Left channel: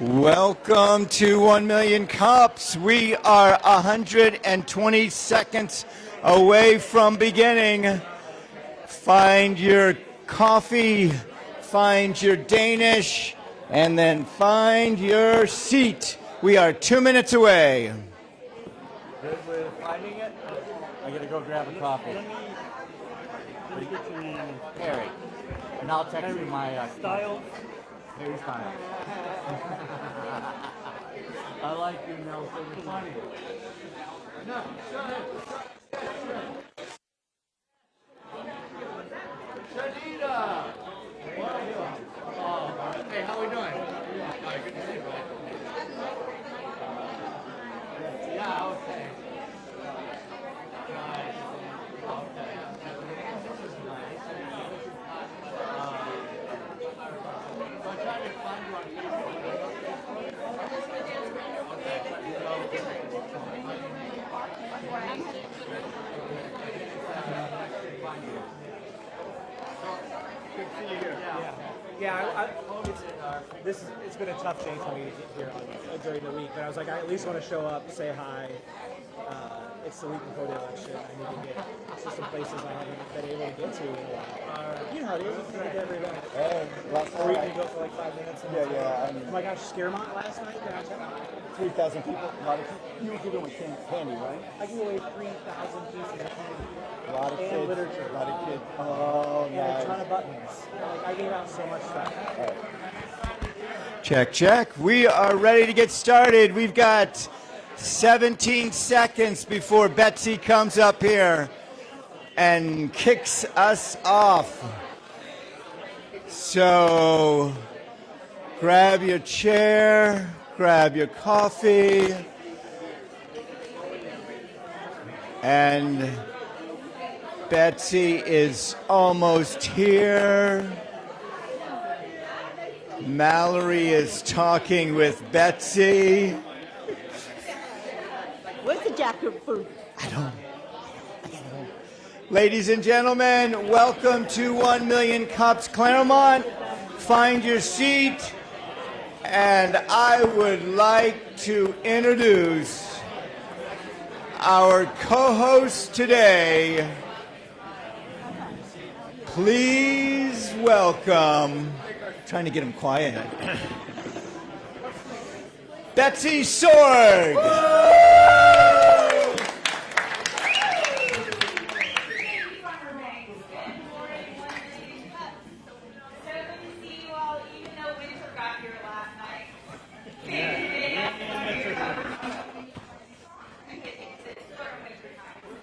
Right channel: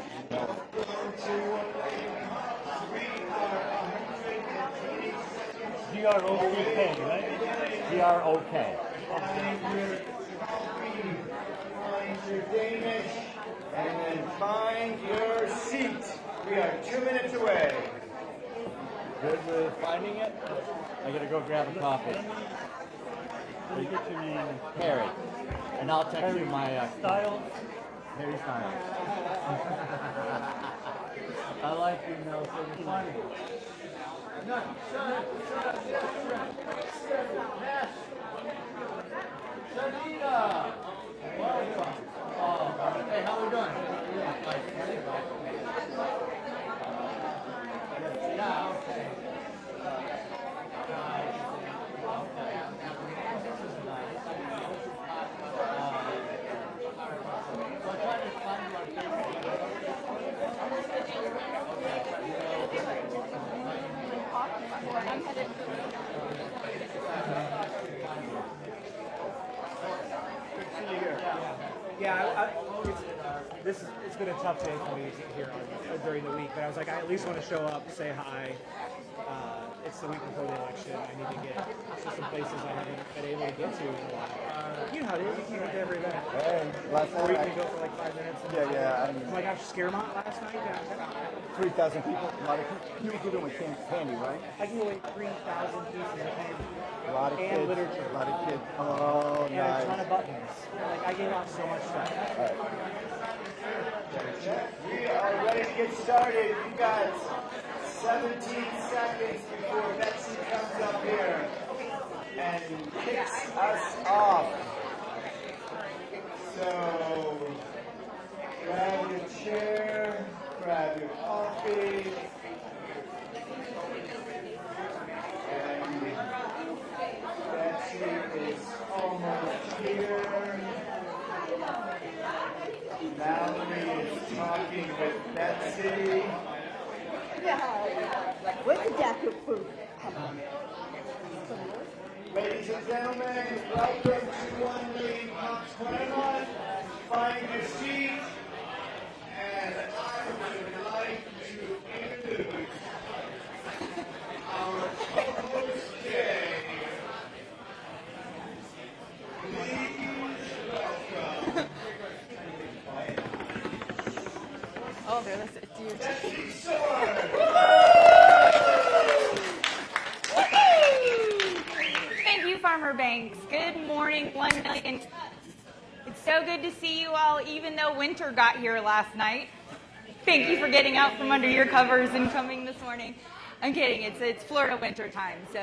Welcome to 1 Million Cups. We are 120 seconds away from beginning. Find your coffee, find your Danish, and then find your seat. We are 2 minutes away. Good with finding it? I'm going to go grab a coffee. Harry. And I'll text you my style. Harry's fine. I like you, Mel, so you're funny. No, Shanita! Welcome. Hey, how we doing? Yeah, okay. Good to see you here. It's been a tough day for me here during the week, but I was like, I at least want to show up, say hi. It's the week before the election. I need to get to some places I haven't been able to get to in a while. You know how it is. You can't get to every event. Or you can go for like 5 minutes. Oh my gosh, Scaremont last night downtown. 3,000 people. A lot of you were giving away candy, right? I gave away 3,000 pieces of candy. A lot of and kids. literature. A lot of kids. Oh, and nice. a ton of buttons. Like I gave out so much stuff. Check, check. We are ready to get started. We've got 17 seconds before Betsy comes up here and kicks us off. So grab your chair, grab your coffee, and Betsy is almost here. Mallory is talking with Betsy. What's a jack of fruit? Ladies and gentlemen, welcome to 1 Million Cups Claremont. Find your seat. And I would like to introduce our co-host today. Please welcome, trying to get him quiet, Betsy Sword. Thank you, Farmer Banks. Good morning, 1 Million. It's so good to see you all, even though winter got here last night. Thank you for getting out from under your covers and coming this morning. I'm kidding, it's Florida winter time, so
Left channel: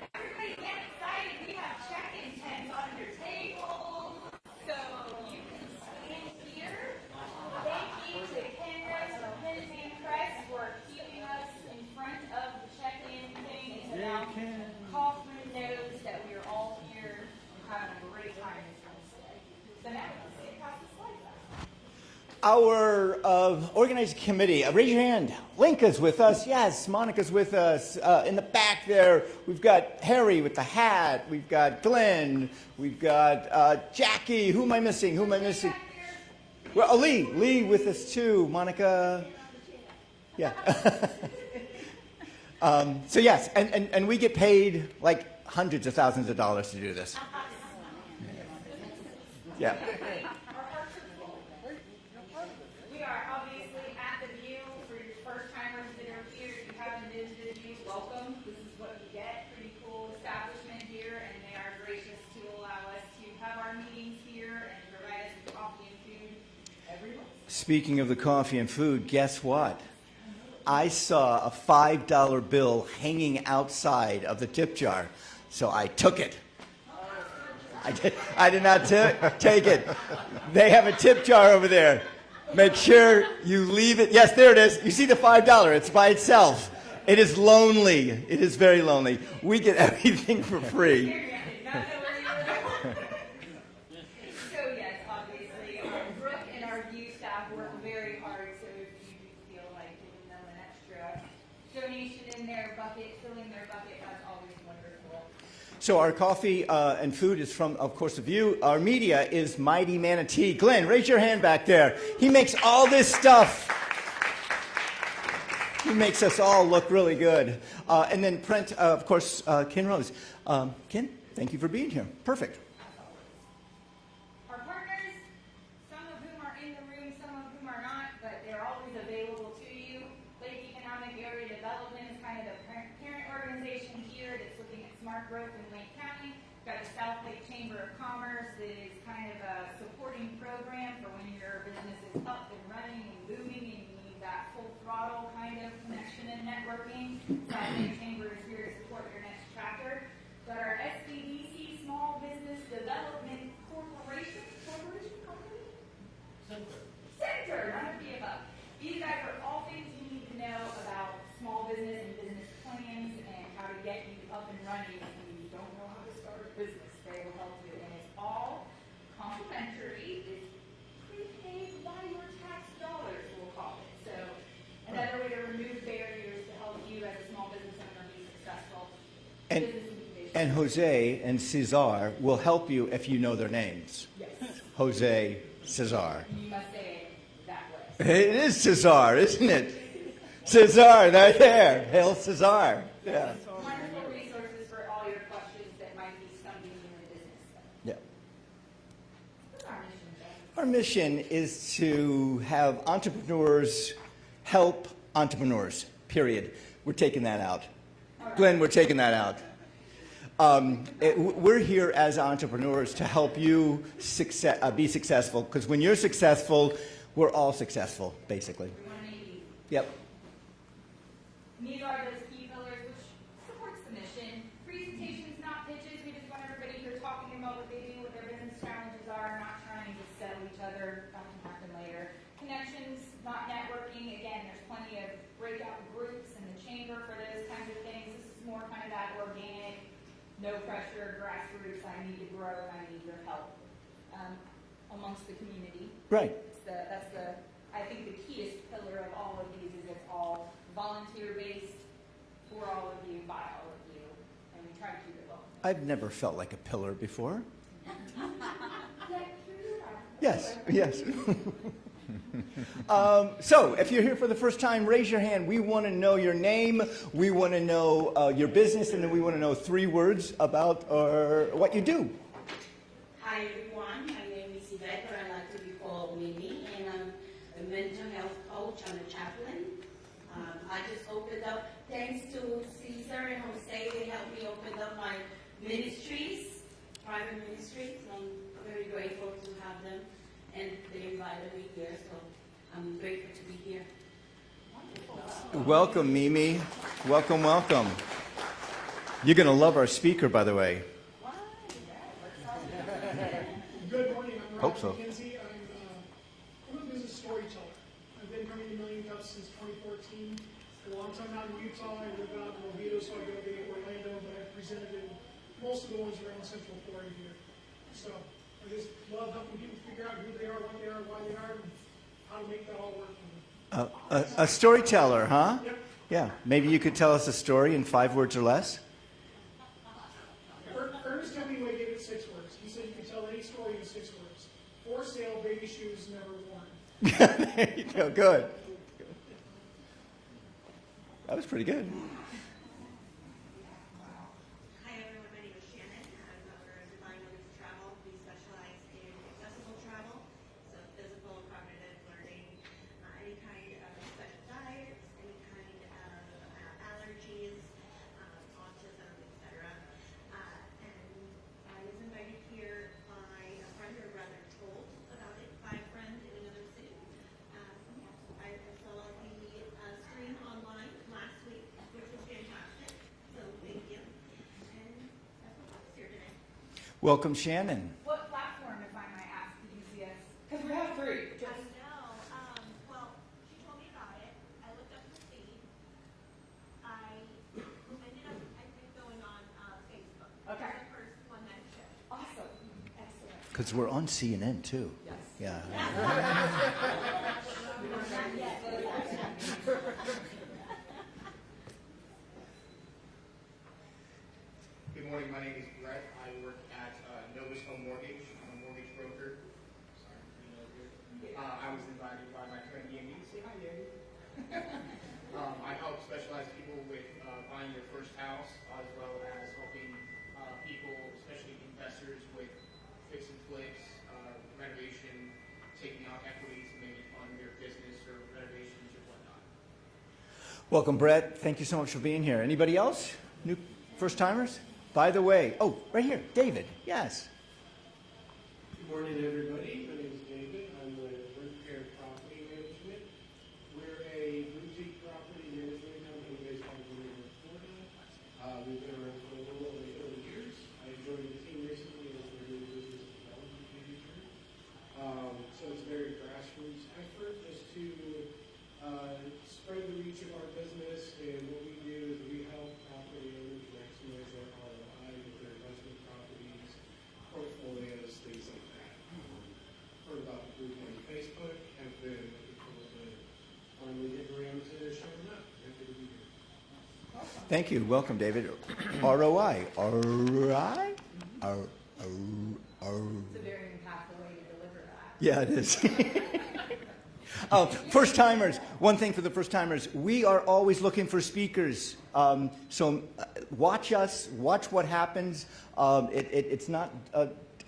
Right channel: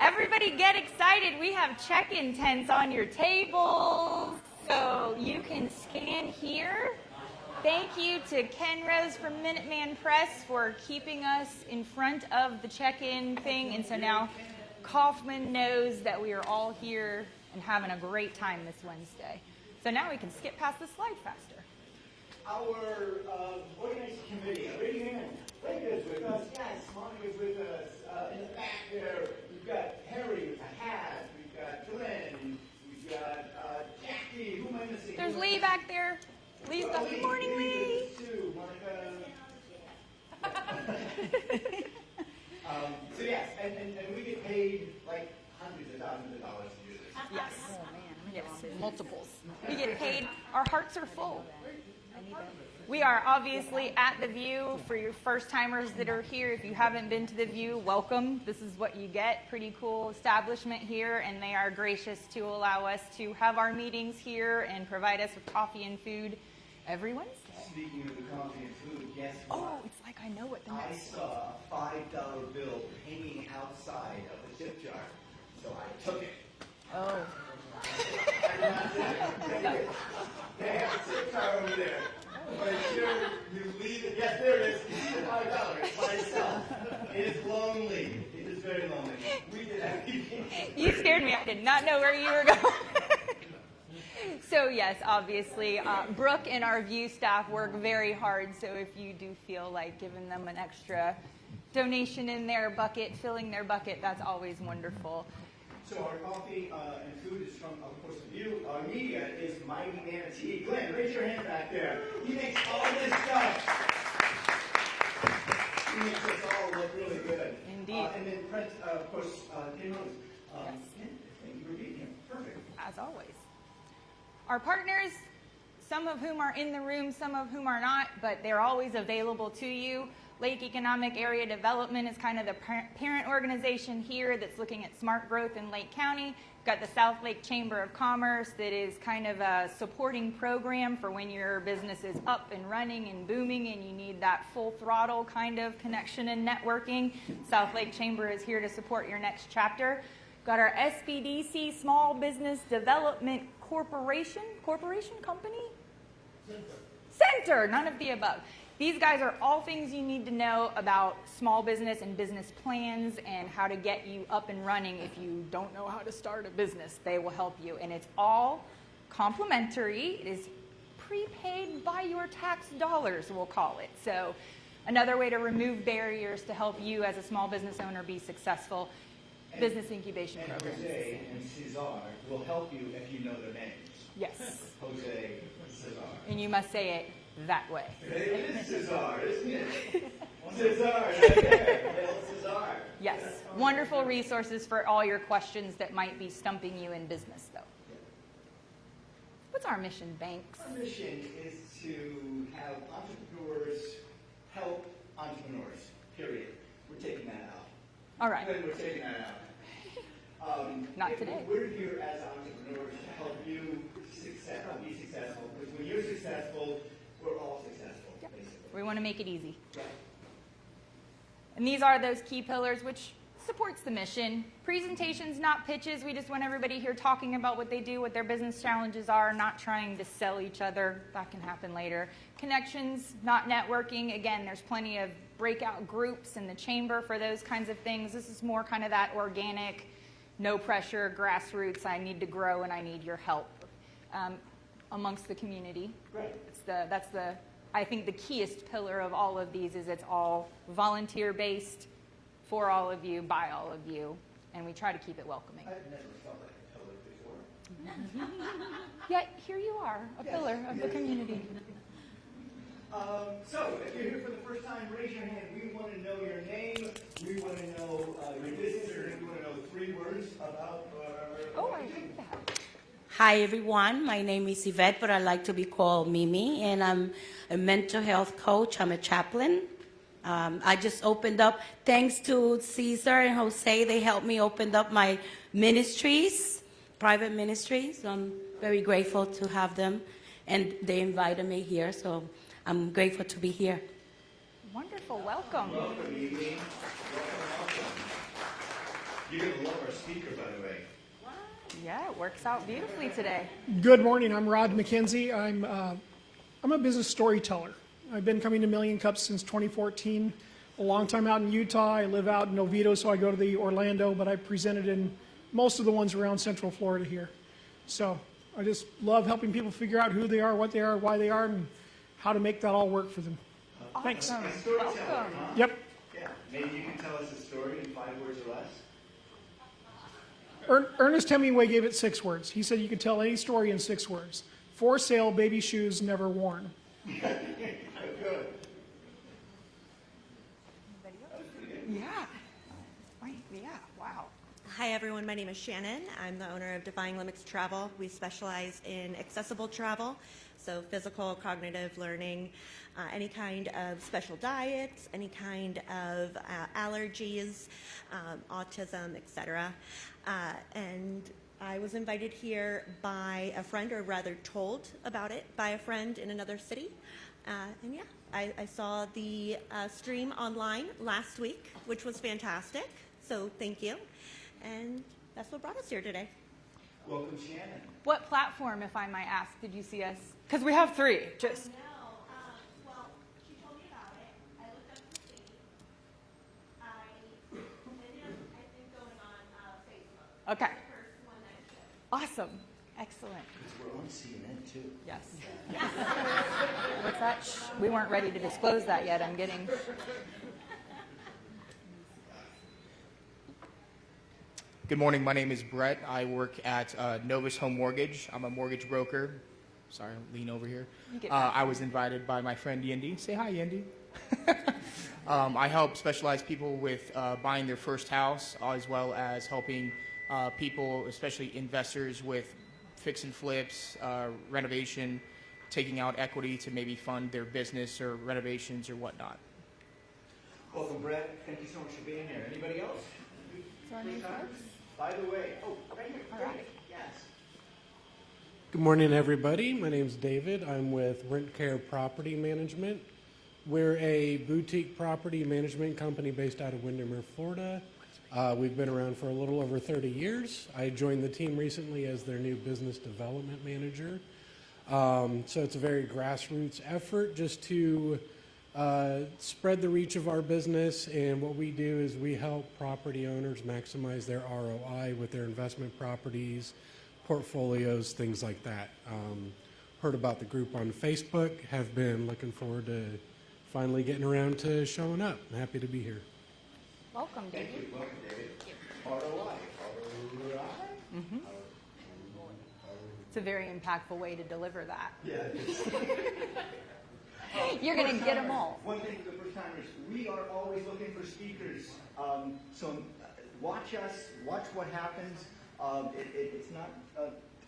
everybody get excited. We have check-in tents on your tables, so you can scan here. Thank you to Ken Rose from Minuteman Press for keeping us in front of the check-in thing, and so now Kaufman knows that we are all here and having a great time this Wednesday. So now we can skip past the slide faster. Our organizing committee, raise your hand. Linka's with us. Yes, Monica's with us. In the back there, we've got Harry with the hat. We've got Glenn. We've got Jackie. Who am I missing? Who am I Lee missing? back there. Well, Lee with us too. Monica. Yeah. So yes, and we get paid like hundreds of thousands of dollars to do this. Yes, multiples. Yeah. We get paid. Our hearts are full. We are obviously at the View. For your first-timers that are here, if you haven't been to the View, welcome. This is what you get. Pretty cool establishment here, and they are gracious to allow us to have our meetings here and provide us with coffee and food every Wednesday. Speaking of the coffee and food, guess what? It's like I know what I saw a $5 bill hanging outside of the tip jar, so I took it. Oh. I did not take it. They have a tip jar over there. Make sure you leave it. Yes, there it is. You see the $5. It's by itself. It is lonely. It is very lonely. We get everything for free. You scared me. I did not know where you were going. So yes, obviously, Brooke and our View staff work very hard. So if you do feel like giving them an extra donation in their bucket, filling their bucket, that's always wonderful. So our coffee and food is from, of course, the View. Our media is Mighty Manatee. Glenn, raise your hand back there. He makes all this stuff. He makes us all look really good. And then Brent, of course, Ken Rose. Ken, thank you for being here. Perfect. As always. Our partners, some of whom are in the room, some of whom are not, but they're always available to you. Lake Economic Area Development is kind of the parent organization here that's looking at smart growth in Lake County. We've got the South Lake Chamber of Commerce that is kind of a supporting program for when your business is up and running and booming and you need that full throttle kind of connection and networking. South Lake Chamber is here to support your next chapter. Got our SBDC, Small Business Development Corporation Company? Center, none of the above. These guys are all things you need to know about small business and business plans and how to get you up and running if you don't know how to start a business. They will help you. And it's all complimentary. It is prepaid by your tax dollars, we'll call it. So another way to remove barriers to help you as a small business owner be successful. Business incubation. And Jose and Cesar will help you if you know their names. Yes. Jose, Cesar. And you must say it that way. It is Cesar, isn't it? Cesar, right there. Hail Cesar. Yes. Yeah. Wonderful resources for all your questions that might be stumping you in business, though. Yeah. What's our mission, Banks? Our mission is to have entrepreneurs help entrepreneurs, period. We're taking that out. All right. Glenn, we're taking that out. We're here as entrepreneurs to help you be successful, because when you're successful, we're all successful, basically. We want to make it easy. Yep. And these are those key pillars which supports the mission. Presentations, not pitches. We just want everybody here talking about what they do, what their business challenges are, not trying to sell each other. That can happen later. Connections, not networking. Again, there's plenty of breakout groups in the chamber for those kinds of things. This is more kind of that organic, no pressure, grassroots, I need to grow and I need your help amongst the community. Right. That's the I think the keyest pillar of all of these is it's all volunteer-based for all of you, by all of you, and we try to keep it welcoming. I've never felt like a pillar before. Yet here you are, a Yes, pillar. yes. So, if you're here for the first time, raise your hand. We want to know your name, we want to know your business, and then we want to know 3 words about what you do. Hi everyone, my name is Yvette, but I like to be called Mimi, and I'm a mental health coach. I'm a chaplain. I just opened up, thanks to Cesar and Jose, they helped me open up my ministries, private ministries. So I'm very grateful to have them, and they invited me here, so I'm grateful to be here. Wonderful, welcome. Welcome, Mimi. Welcome, welcome. You're going to love our speaker, by the way. Yeah, it works out beautifully today. Good morning. I'm Rod Hope so. McKenzie. I'm a business storyteller. I've been coming to Million Cups since 2014. A long time out in Utah. I live out in Oviedo, so I go to the Orlando, but I've presented in most of the ones around Central Florida here. So I just love helping people figure out who they are, what they are, why they are, and how to make that all work for them. A storyteller, huh? Yep. Yeah. Maybe you could tell us a story in 5 words or less? Ernest Hemingway gave it 6 words. He said you could tell any story in 6 words. For sale, baby shoes never worn. There you go. Good. That was pretty good. Yeah, wow. Hi everyone, my name is Shannon. I'm the owner of Defying Limits Travel. We specialize in accessible travel, so physical, cognitive learning, any kind of special diets, any kind of allergies, autism, etc. And I was invited here by a friend, or rather told about it by a friend in another city. And yeah, I saw the stream online last week, which was fantastic. So thank you. And that's what brought us here today. Welcome, Shannon. What platform, if I might ask, did you see us? Because we have 3, just. Well, she told me about it. I looked up the city. I ended up, I think, going on Facebook. Okay. First one that showed. Awesome. Excellent. Because we're on CNN, too. Yes. Yeah. We weren't ready to disclose that yet. I'm getting. Good morning. My name is Brett. I work at Novus Home Mortgage. I'm a mortgage broker. Sorry, lean over here. I was invited by my friend Yendi. Say hi, Yendi. I help specialized people with buying their first house, as well as helping people, especially investors, with fix and flips, renovation, taking out equity to maybe fund their business or renovations or whatnot. Welcome, Brett. Thank you so much for being here. Anybody else? New first timers? By the way, oh, right here, David. Yes. Good morning, everybody. My name's David. I'm with Rent Care Property Management. We're a boutique property management company based out of Windermere, Florida. We've been around for a little over 30 years. I joined the team recently as their new business development manager. So it's a very grassroots effort just to spread the reach of our business, and what we do is we help property owners maximize their ROI with their investment properties, portfolios, things like that. Heard about the group on Facebook, have been looking forward to finally getting around to showing up. I'm happy to be here. Welcome. Thank you. Welcome, David. ROI. ROI? It's a very impactful way to deliver that. Yeah, it is. You're First gonna get 'em timers. all. One thing for the first timers, we are always looking for speakers. So watch us, watch what happens. It's not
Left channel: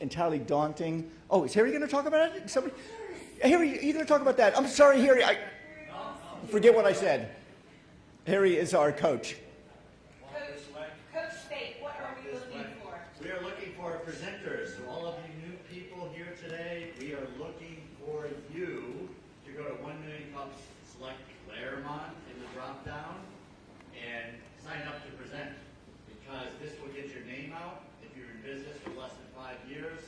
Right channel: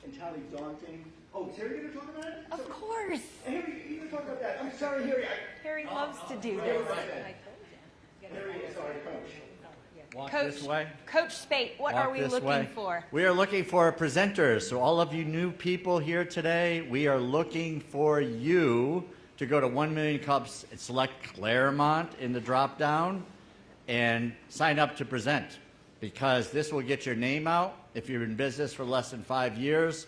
entirely daunting. Oh, is Harry going to talk about it? Of course. Harry, you're going to talk about that. I'm sorry, Harry. Harry loves to do Forget it. what I said. Harry is our coach. Coach Spate, what are we looking for? We are looking for presenters. So all of you new people here today, we are looking for you to go to 1 Million Cups and select Claremont in the drop down and sign up to present, because this will get your name out. If you're in business for less than 5 years,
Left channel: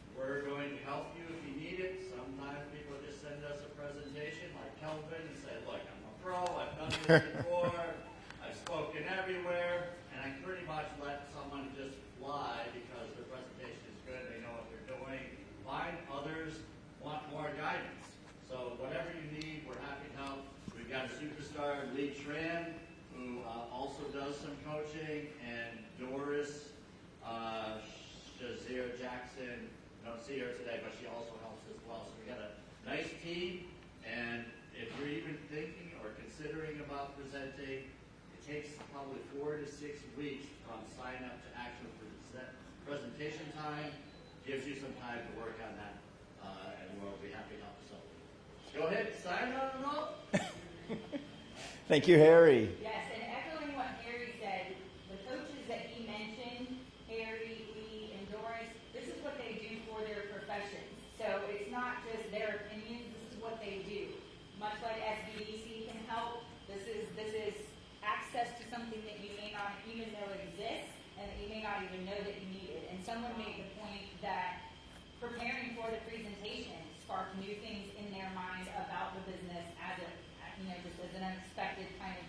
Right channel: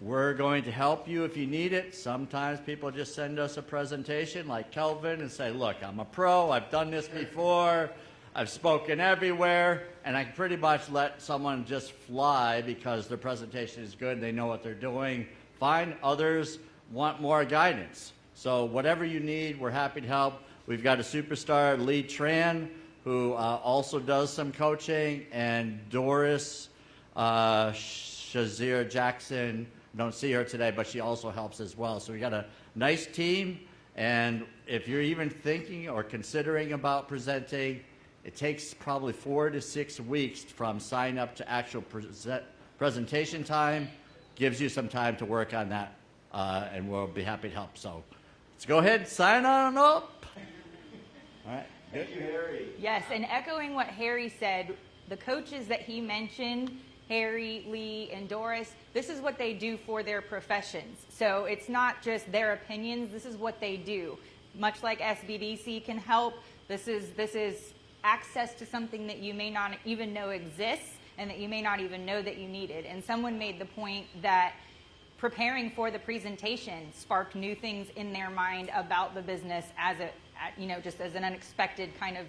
we're going to help you if you need it. Sometimes people just send us a presentation like Kelvin and say, look, I'm a pro, I've done this before, I've spoken everywhere, and I can pretty much let someone just fly because their presentation is good and they know what they're doing. Fine, others want more guidance. So whatever you need, we're happy to help. We've got a superstar, Lee Tran, who also does some coaching, and Doris Shazir Jackson. Don't see her today, but she also helps as well. So we got a nice team, and if you're even thinking or considering about presenting, it takes probably 4 to 6 weeks from sign up to actual presentation time. Gives you some time to work on that, and we'll be happy to help. So let's go ahead and sign on up. All right. Thank you, Harry. Yes, and echoing what Harry said, the coaches that he mentioned, Harry, Lee, and Doris, this is what they do for their professions. So it's not just their opinions, this is what they do. Much like SBDC can help, this is access to something that you may not even know exists and that you may not even know that you needed. And someone made the point that preparing for the presentation sparked new things in their mind about the business as just as an unexpected kind of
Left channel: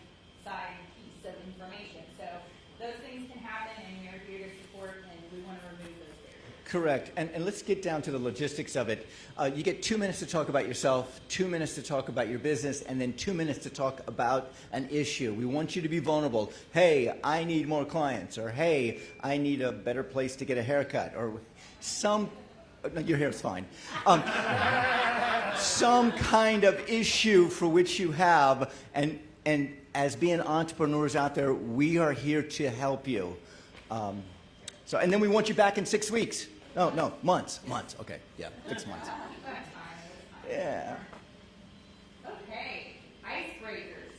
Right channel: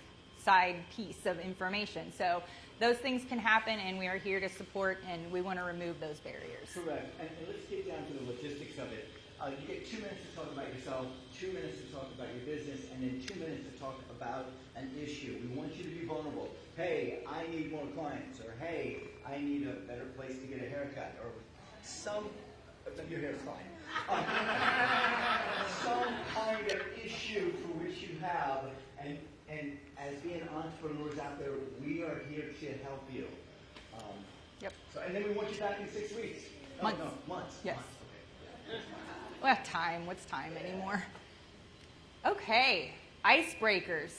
side piece of information. So those things can happen, and we are here to support, and we want to remove those barriers. Correct. And let's get down to the logistics of it. You get 2 minutes to talk about yourself, 2 minutes to talk about your business, and then 2 minutes to talk about an issue. We want you to be vulnerable. Hey, I need more clients, or hey, I need a better place to get a haircut, or your hair is fine. Some kind of issue for which you have, and as being entrepreneurs out there, we are here to help you. Yep. So, and then we want you back in 6 weeks. Months. Yes. Months. Okay, yeah, 6 months. We have time. What's time Yeah. anymore? Okay, icebreakers.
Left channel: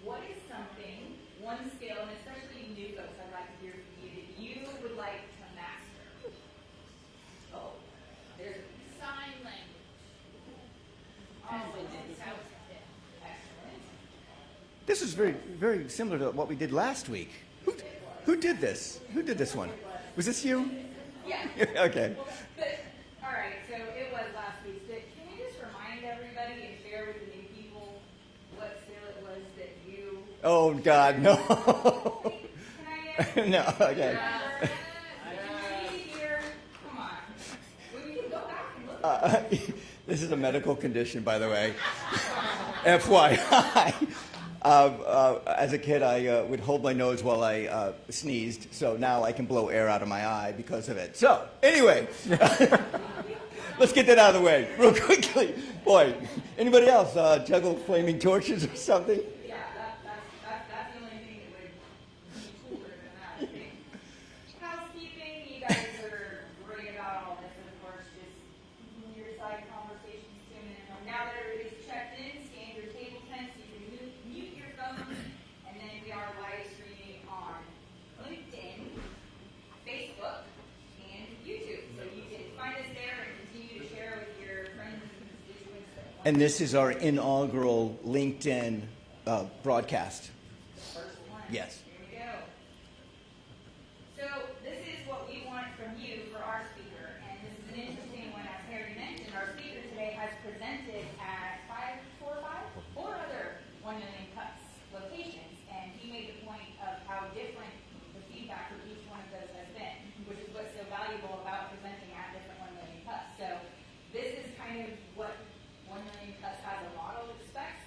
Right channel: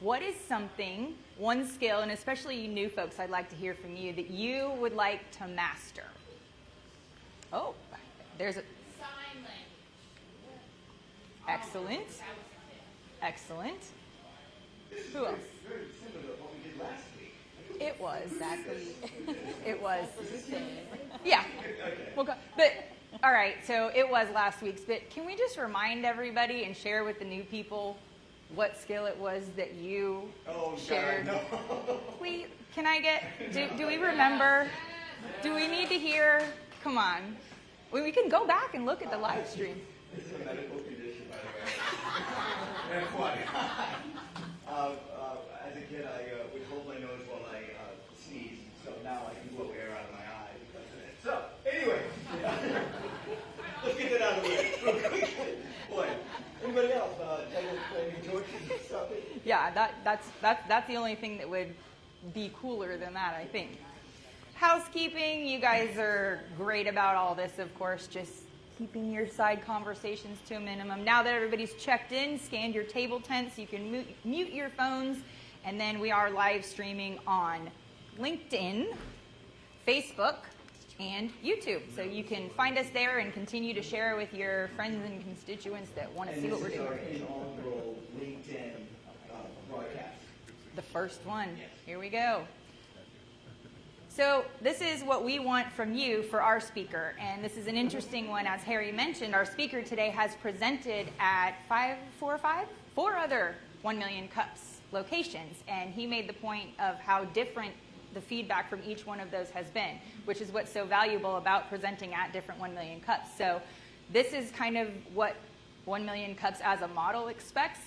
What is something, one skill, and especially you new folks, I'd like to hear from you, that you would like to master? Oh, there's a... Sign language. Excellent. Excellent. This is very, very similar to what we did last week. It was. Who did this? Who did this one? It was. Was this you? Yeah. Okay. But, all right, so it was last week's, but can we just remind everybody and share with the new people what skill it was that you Oh, God, shared? no. Please, can I get, No, do we okay. remember? Do we need to hear? Come on. We can go back and look at the live stream. This is a medical condition, by the way. FYI. As a kid, I would hold my nose while I sneezed, so now I can blow air out of my eye because of it. So, anyway, let's get that out of the way real quickly. Boy, anybody else juggle flaming torches or something? Yeah, that's the only thing that would be cooler than that, I think. Housekeeping, you guys are great about all this, of course, just keeping your side conversations to a minimum. Now that everybody's checked in, scanned your table tents, you can mute your phones, and then we are live streaming on LinkedIn, Facebook, and YouTube. So you can find us there and continue to share with your friends and constituents that want to. And this is our inaugural LinkedIn broadcast. The first one. Yes. Here we go. So this is what we want from you for our speaker, and this is an interesting one. As Harry mentioned, our speaker today has presented at four other 1 Million Cups locations, and he made the point of how different the feedback from each one of those has been, which is what's so valuable about presenting at different 1 Million Cups. So this is kind of what 1 Million Cups as a model expects.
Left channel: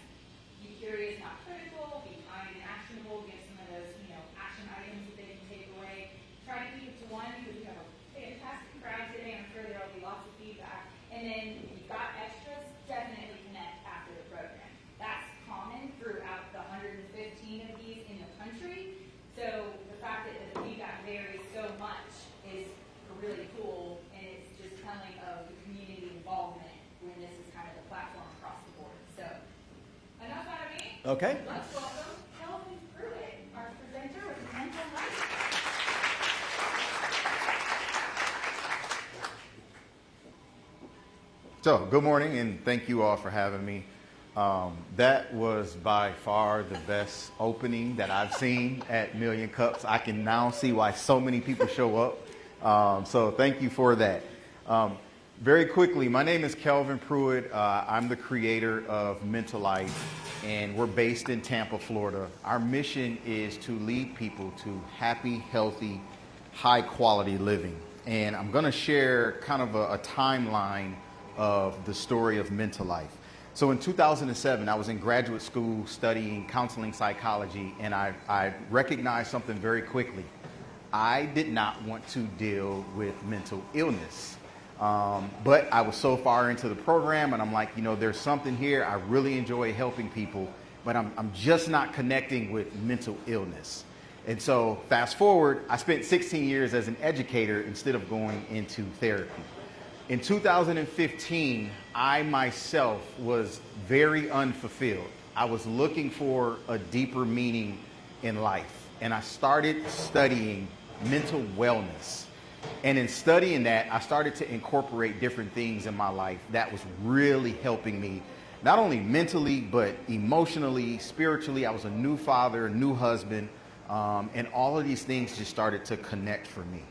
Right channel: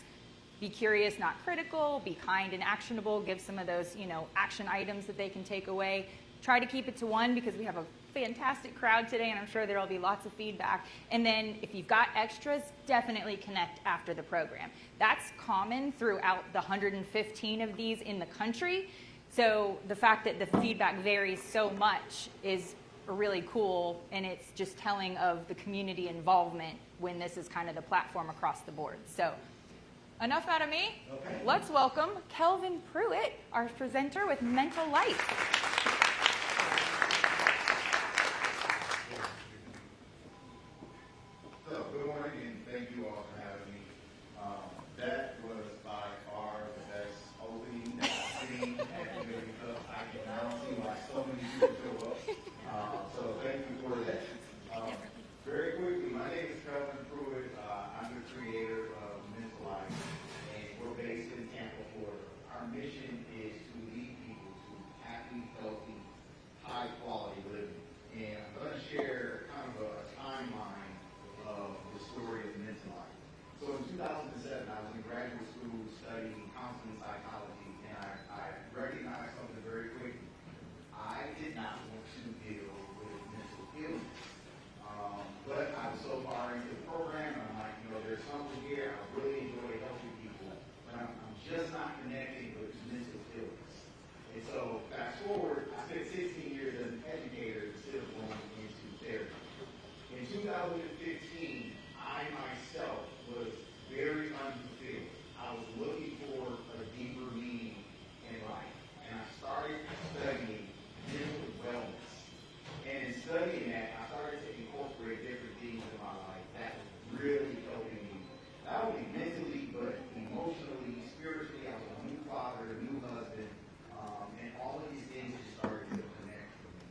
Be curious, not critical. Be kind and actionable. Give some of those, action items that they can take away. Try to keep it to one because we have a fantastic crowd today, and I'm sure there will be lots of feedback. And then if you've got extras, definitely connect after the program. That's common throughout the 115 of these in the country. So the fact that the feedback varies so much is really cool, and it's just telling of the community involvement when this is kind of the platform across the board. So enough out of me. Okay. Let's welcome Kelvin Pruitt, our presenter with Mental Life. So, good morning, and thank you all for having me. That was by far the best opening that I've seen at Million Cups. I can now see why so many people show up. So thank you for that. Very quickly, my name is Kelvin Pruitt. I'm the creator of Mental Life, and we're based in Tampa, Florida. Our mission is to lead people to happy, healthy, high-quality living. And I'm going to share kind of a timeline of the story of Mental Life. So in 2007, I was in graduate school studying counseling psychology, and I recognized something very quickly. I did not want to deal with mental illness. But I was so far into the program, and I'm like, there's something here. I really enjoy helping people, but I'm just not connecting with mental illness. And so fast forward, I spent 16 years as an educator instead of going into therapy. In 2015, I myself was very unfulfilled. I was looking for a deeper meaning in life, and I started studying mental wellness. And in studying that, I started to incorporate different things in my life that was really helping me, not only mentally, but emotionally, spiritually. I was a new father, a new husband, and all of these things just started to connect for me.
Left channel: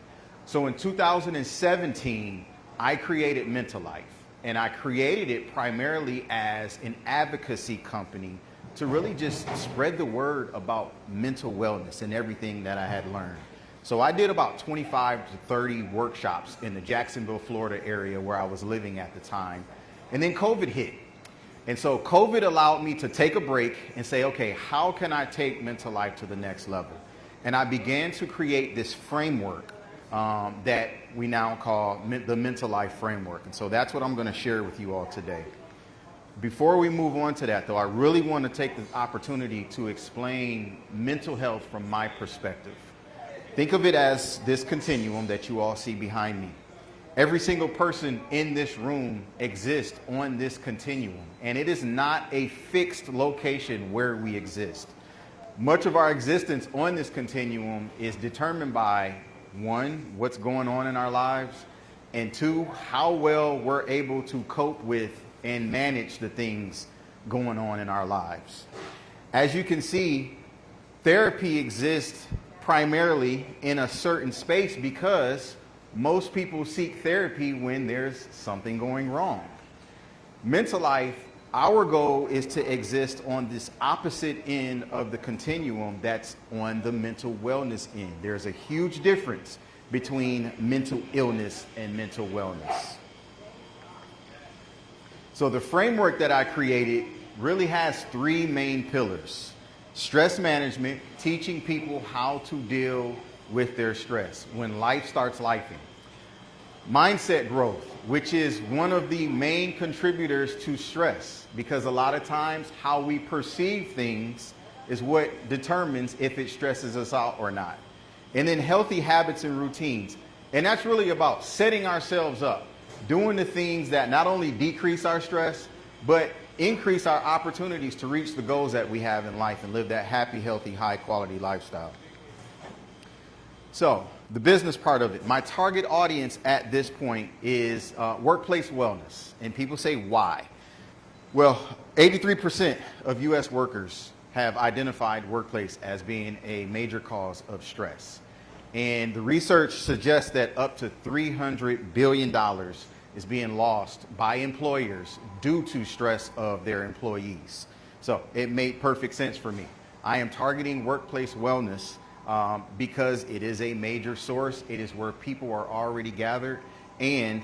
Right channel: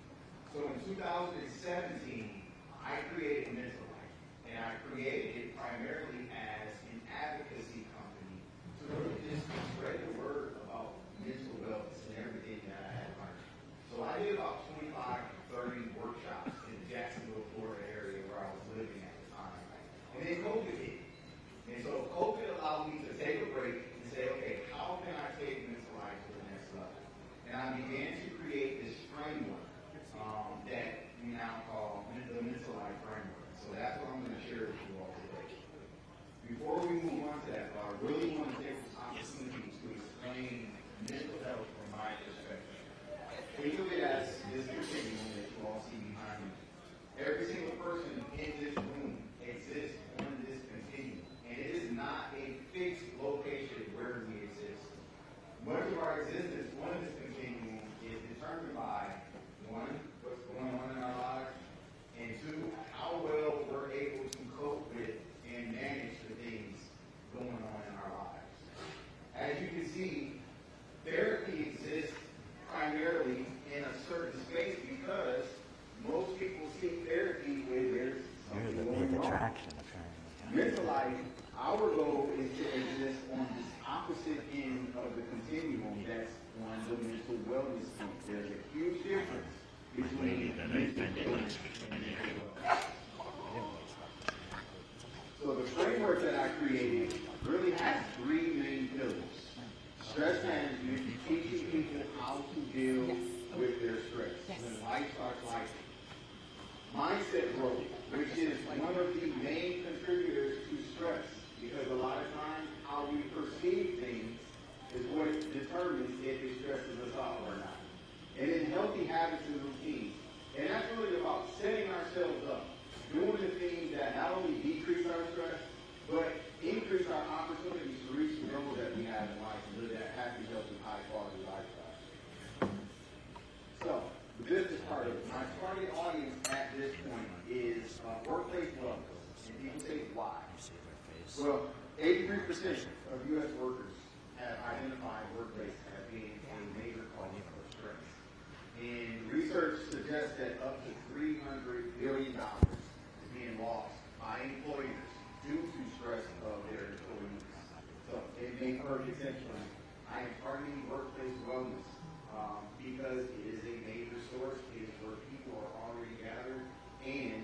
So in 2017, I created Mental Life, and I created it primarily as an advocacy company to really just spread the word about mental wellness and everything that I had learned. So I did about 25 to 30 workshops in the Jacksonville, Florida area where I was living at the time. And then COVID hit. And so COVID allowed me to take a break and say, okay, how can I take Mental Life to the next level? And I began to create this framework that we now call the Mental Life Framework. And so that's what I'm going to share with you all today. Before we move on to that, though, I really want to take the opportunity to explain mental health from my perspective. Think of it as this continuum that you all see behind me. Every single person in this room exists on this continuum, and it is not a fixed location where we exist. Much of our existence on this continuum is determined by, one, what's going on in our lives, and two, how well we're able to cope with and manage the things going on in our lives. As you can see, therapy exists primarily in a certain space because most people seek therapy when there's something going wrong. Mental Life, our goal is to exist on this opposite end of the continuum that's on the mental wellness end. There's a huge difference between mental illness and mental wellness. So the framework that I created really has three main pillars. Stress management, teaching people how to deal with their stress when life starts lifing. Mindset growth, which is one of the main contributors to stress, because a lot of times how we perceive things is what determines if it stresses us out or not. And then healthy habits and routines. And that's really about setting ourselves up, doing the things that not only decrease our stress, but increase our opportunities to reach the goals that we have in life and live that happy, healthy, high quality lifestyle. So the business part of it, my target audience at this point is workplace wellness. And people say, why? Well, 83% of US workers have identified workplace as being a major cause of stress. And the research suggests that up to $300 billion is being lost by employers due to stress of their employees. So it made perfect sense for me. I am targeting workplace wellness because it is a major source. It is where people are already gathered. And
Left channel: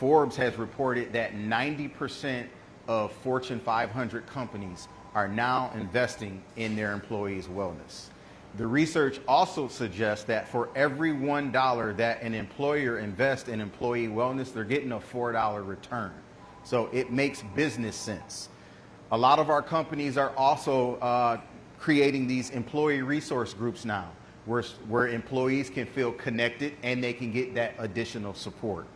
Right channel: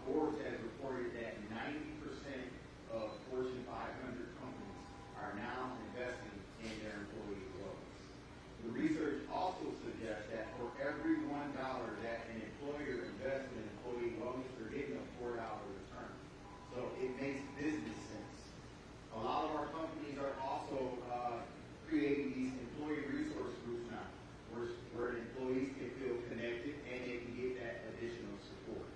Forbes has reported that 90% of Fortune 500 companies are now investing in their employees' wellness. The research also suggests that for every $1 that an employer invests in employee wellness, they're getting a $4 return. So it makes business sense. A lot of our companies are also creating these employee resource groups now, where employees can feel connected and they can get that additional support.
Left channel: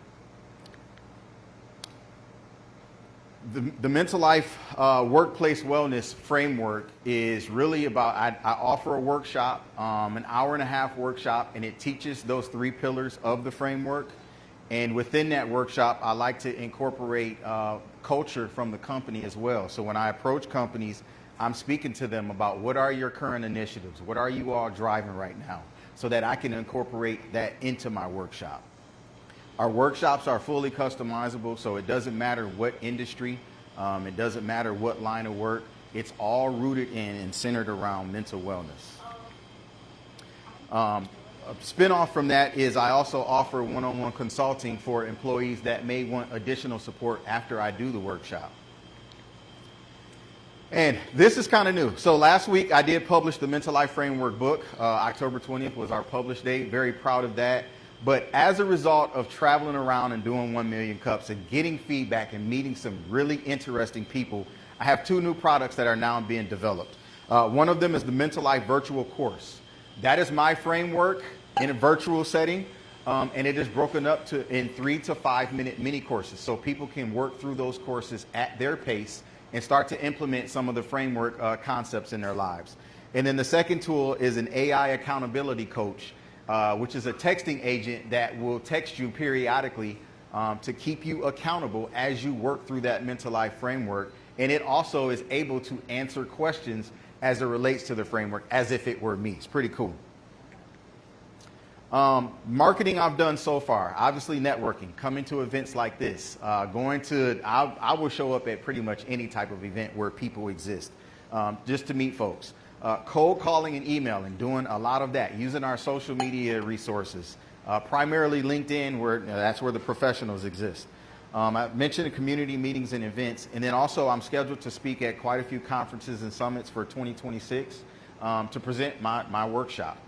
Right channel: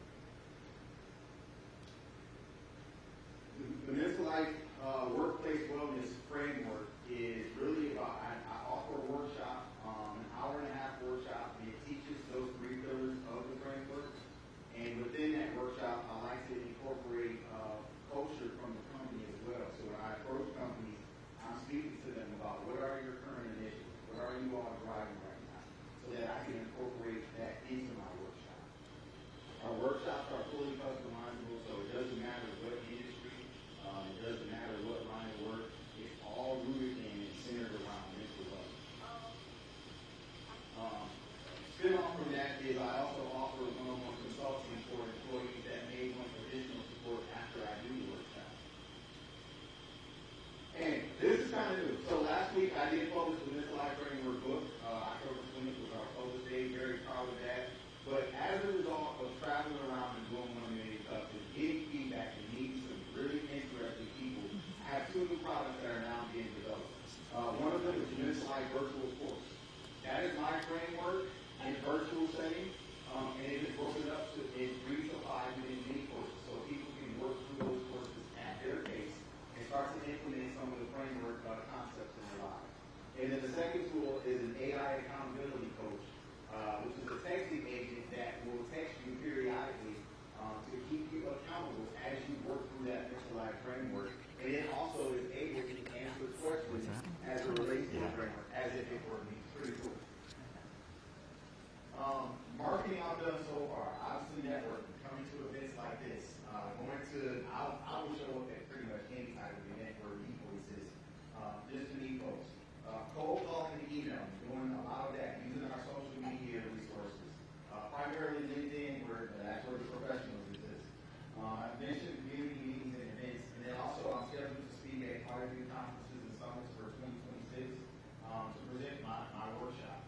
The Mental Life Workplace Wellness Framework is really about, I offer a workshop, an hour-and-a-half workshop, and it teaches those three pillars of the framework. And within that workshop, I like to incorporate culture from the company as well. So when I approach companies, I'm speaking to them about what are your current initiatives, what are you all driving right now, so that I can incorporate that into my workshop. Our workshops are fully customizable, so it doesn't matter what industry, it doesn't matter what line of work, it's all rooted in and centered around mental wellness. A spin-off from that is I also offer one-on-one consulting for employees that may want additional support after I do the workshop. And this is kind of new. So last week I did publish the Mental Life Framework book. October 20th was our publish date. Very proud of that. But as a result of traveling around and doing 1 Million Cups and getting feedback and meeting some really interesting people, I have two new products that are now being developed. One of them is the Mental Life Virtual Course. That is my framework in a virtual setting, and it is broken up in 3 to 5 minute mini courses, so people can work through those courses at their pace and start to implement some of the framework concepts in their lives. And then the second tool is an AI accountability coach, which is a texting agent that will text you periodically to keep you accountable as you work through that mental life framework. And it also is able to answer questions as it relates to the framework as if it were me. It's pretty cool. Marketing I've done so far, obviously networking, coming to events like this, I will show up at pretty much any type of event where people exist, just to meet folks. Cold calling and emailing, doing a lot of that, using our social media resources, primarily LinkedIn, that's where the professionals exist. I mentioned the community meetings and events, and then also I'm scheduled to speak at quite a few conferences and summits for 2026 to present my workshop.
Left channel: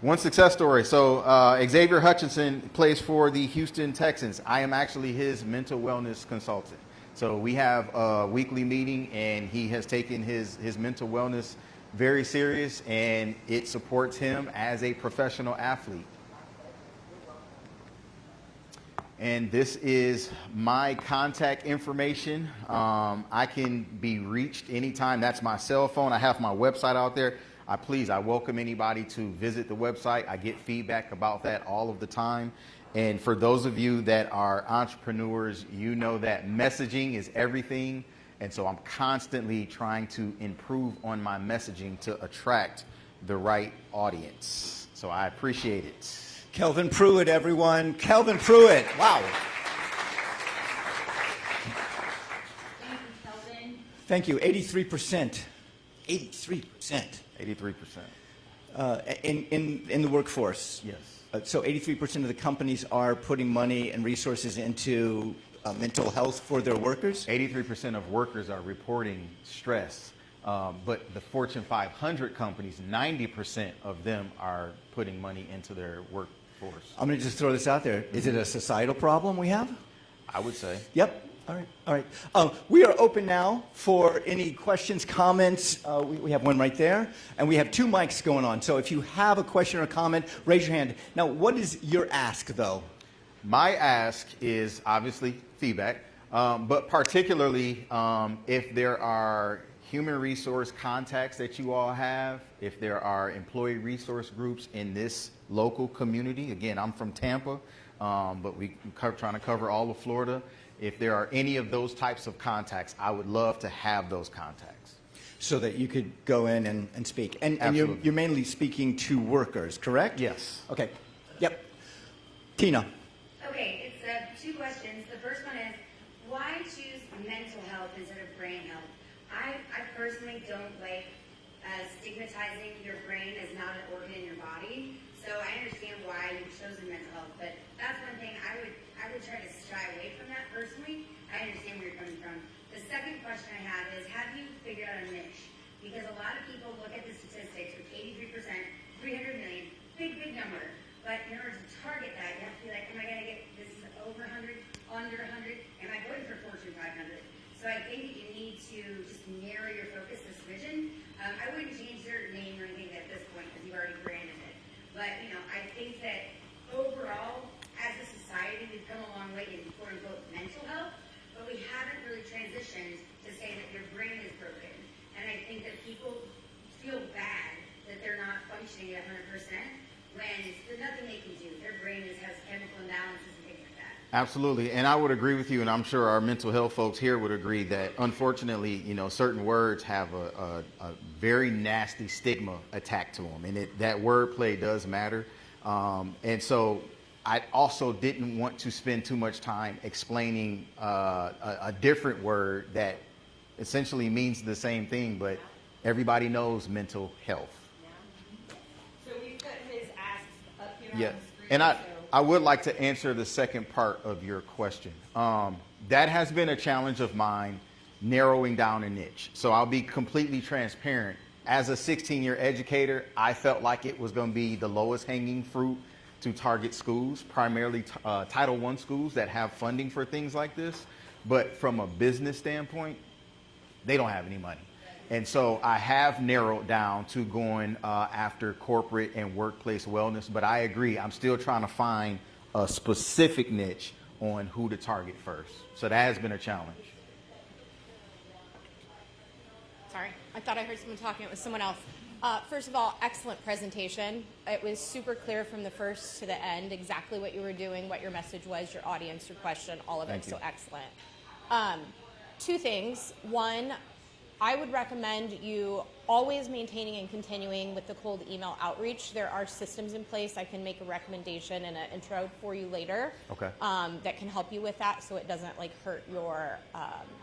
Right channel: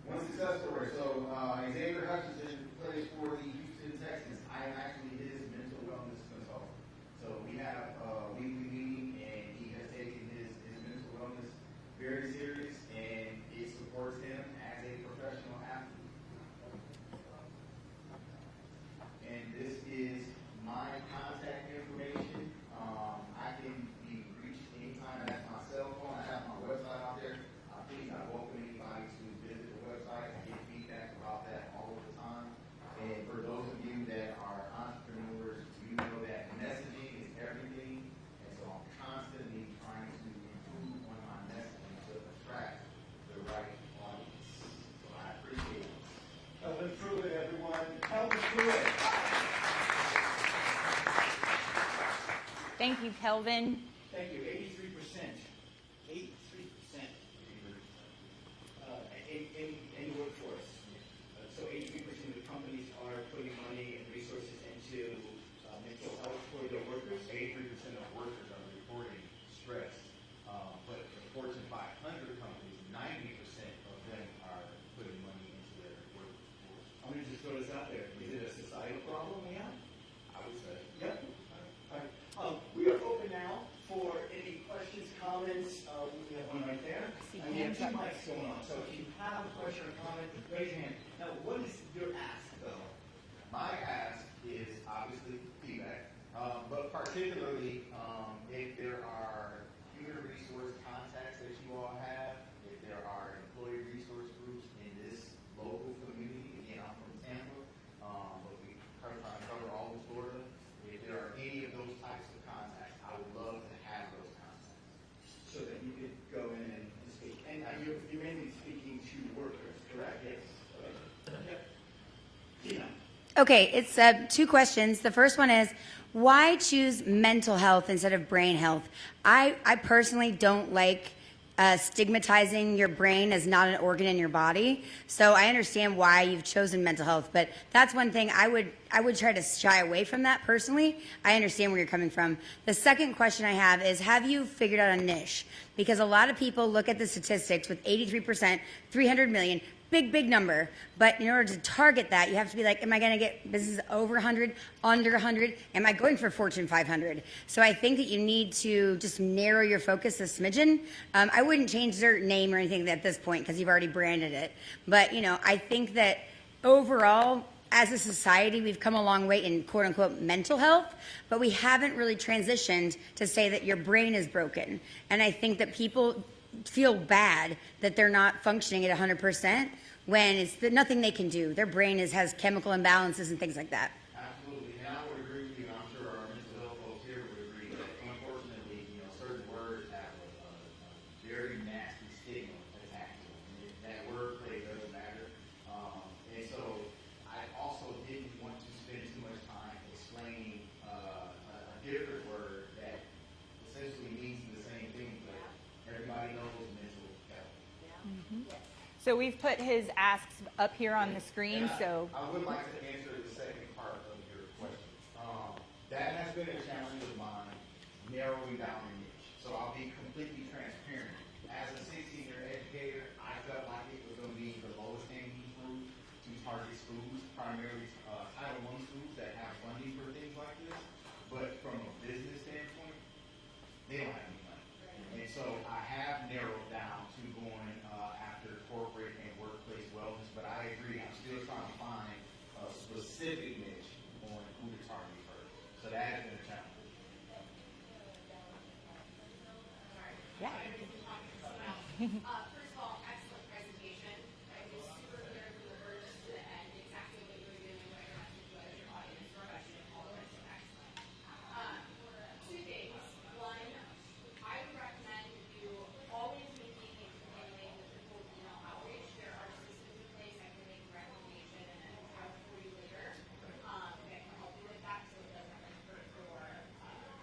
One success story. So Xavier Hutchinson plays for the Houston Texans. I am actually his mental wellness consultant. So we have a weekly meeting, and he has taken his mental wellness very serious, and it supports him as a professional athlete. And this is my contact information. I can be reached anytime. That's my cell phone. I have my website out there. I welcome anybody to visit the website. I get feedback about that all of the time. And for those of you that are entrepreneurs, you know that messaging is everything. And so I'm constantly trying to improve on my messaging to attract the right audience. So I appreciate it. Kelvin Pruitt, everyone. Kelvin Pruitt. Wow. Thank you, Kelvin. Thank you. 83%. 83%. 83%. In the workforce. Yes. So 83% of the companies are putting money and resources into mental health for their workers? 83% of workers are reporting stress, but the Fortune 500 companies, 90% of them are putting money into their workforce. I'm going to just throw this out there. Is it a societal problem we have? I would say. Yep. All right. All right. We are open now for any questions, comments. We have one right there, and we have 2 mics going on. So if you have a question or a comment, raise your hand. Now, what is your ask, though? My ask is obviously feedback, but particularly if there are human resource contacts that you all have, if there are employee resource groups in this local community. Again, I'm from Tampa, but we're trying to cover all of Florida. If there are any of those types of contacts, I would love to have those contacts. So that you could go in and speak. And Absolutely. you're mainly speaking to workers, correct? Yes. Okay. Yep. Tina. Okay, it's 2 questions. The first one is, why choose mental health instead of brain health? I personally don't like stigmatizing your brain as not an organ in your body. So I understand why you've chosen mental health, but that's one thing I would try to shy away from that personally. I understand where you're coming from. The second question I have is, have you figured out a niche? Because a lot of people look at the statistics with 83%, 300 million, big number. But in order to target that, you have to be like, am I going to get businesses over 100, under 100? Am I going for Fortune 500? So I think that you need to just narrow your focus a smidgen. I wouldn't change their name or anything at this point because you've already branded it. But, I think that overall, as a society, we've come a long way in quote unquote mental health, but we haven't really transitioned to say that your brain is broken. And I think that people feel bad that they're not functioning at 100%. When it's nothing they can do. Their brain has chemical imbalances and things like that. Absolutely, and I would agree with you, and I'm sure our mental health folks here would agree that unfortunately, certain words have a very nasty stigma attached to them, and that wordplay does matter. And so I also didn't want to spend too much time explaining a different word that essentially means the same thing, but everybody knows mental health. So we've put his asks up here on the screen. And I would like to answer the second part of your question. That has been a challenge of mine, narrowing down a niche. So I'll be completely transparent. As a 16-year educator, I felt like it was going to be the lowest hanging fruit to target schools, primarily Title I schools that have funding for things like this. But from a business standpoint, they don't have any money. And so I have narrowed down to going after corporate and workplace wellness. But I agree, I'm still trying to find a specific niche on who to target first. So that has been a challenge. Sorry, I thought I heard someone talking. It was someone else. First of all, excellent presentation. It was super clear from the first to the end exactly what you were doing, what your message was, your audience, your question, all of it. So excellent. 2 things. One, I would recommend you always maintaining and continuing with the cold email outreach. There are systems in place. I can make a recommendation and an intro for you later. Okay. That can help you with that, so it doesn't hurt your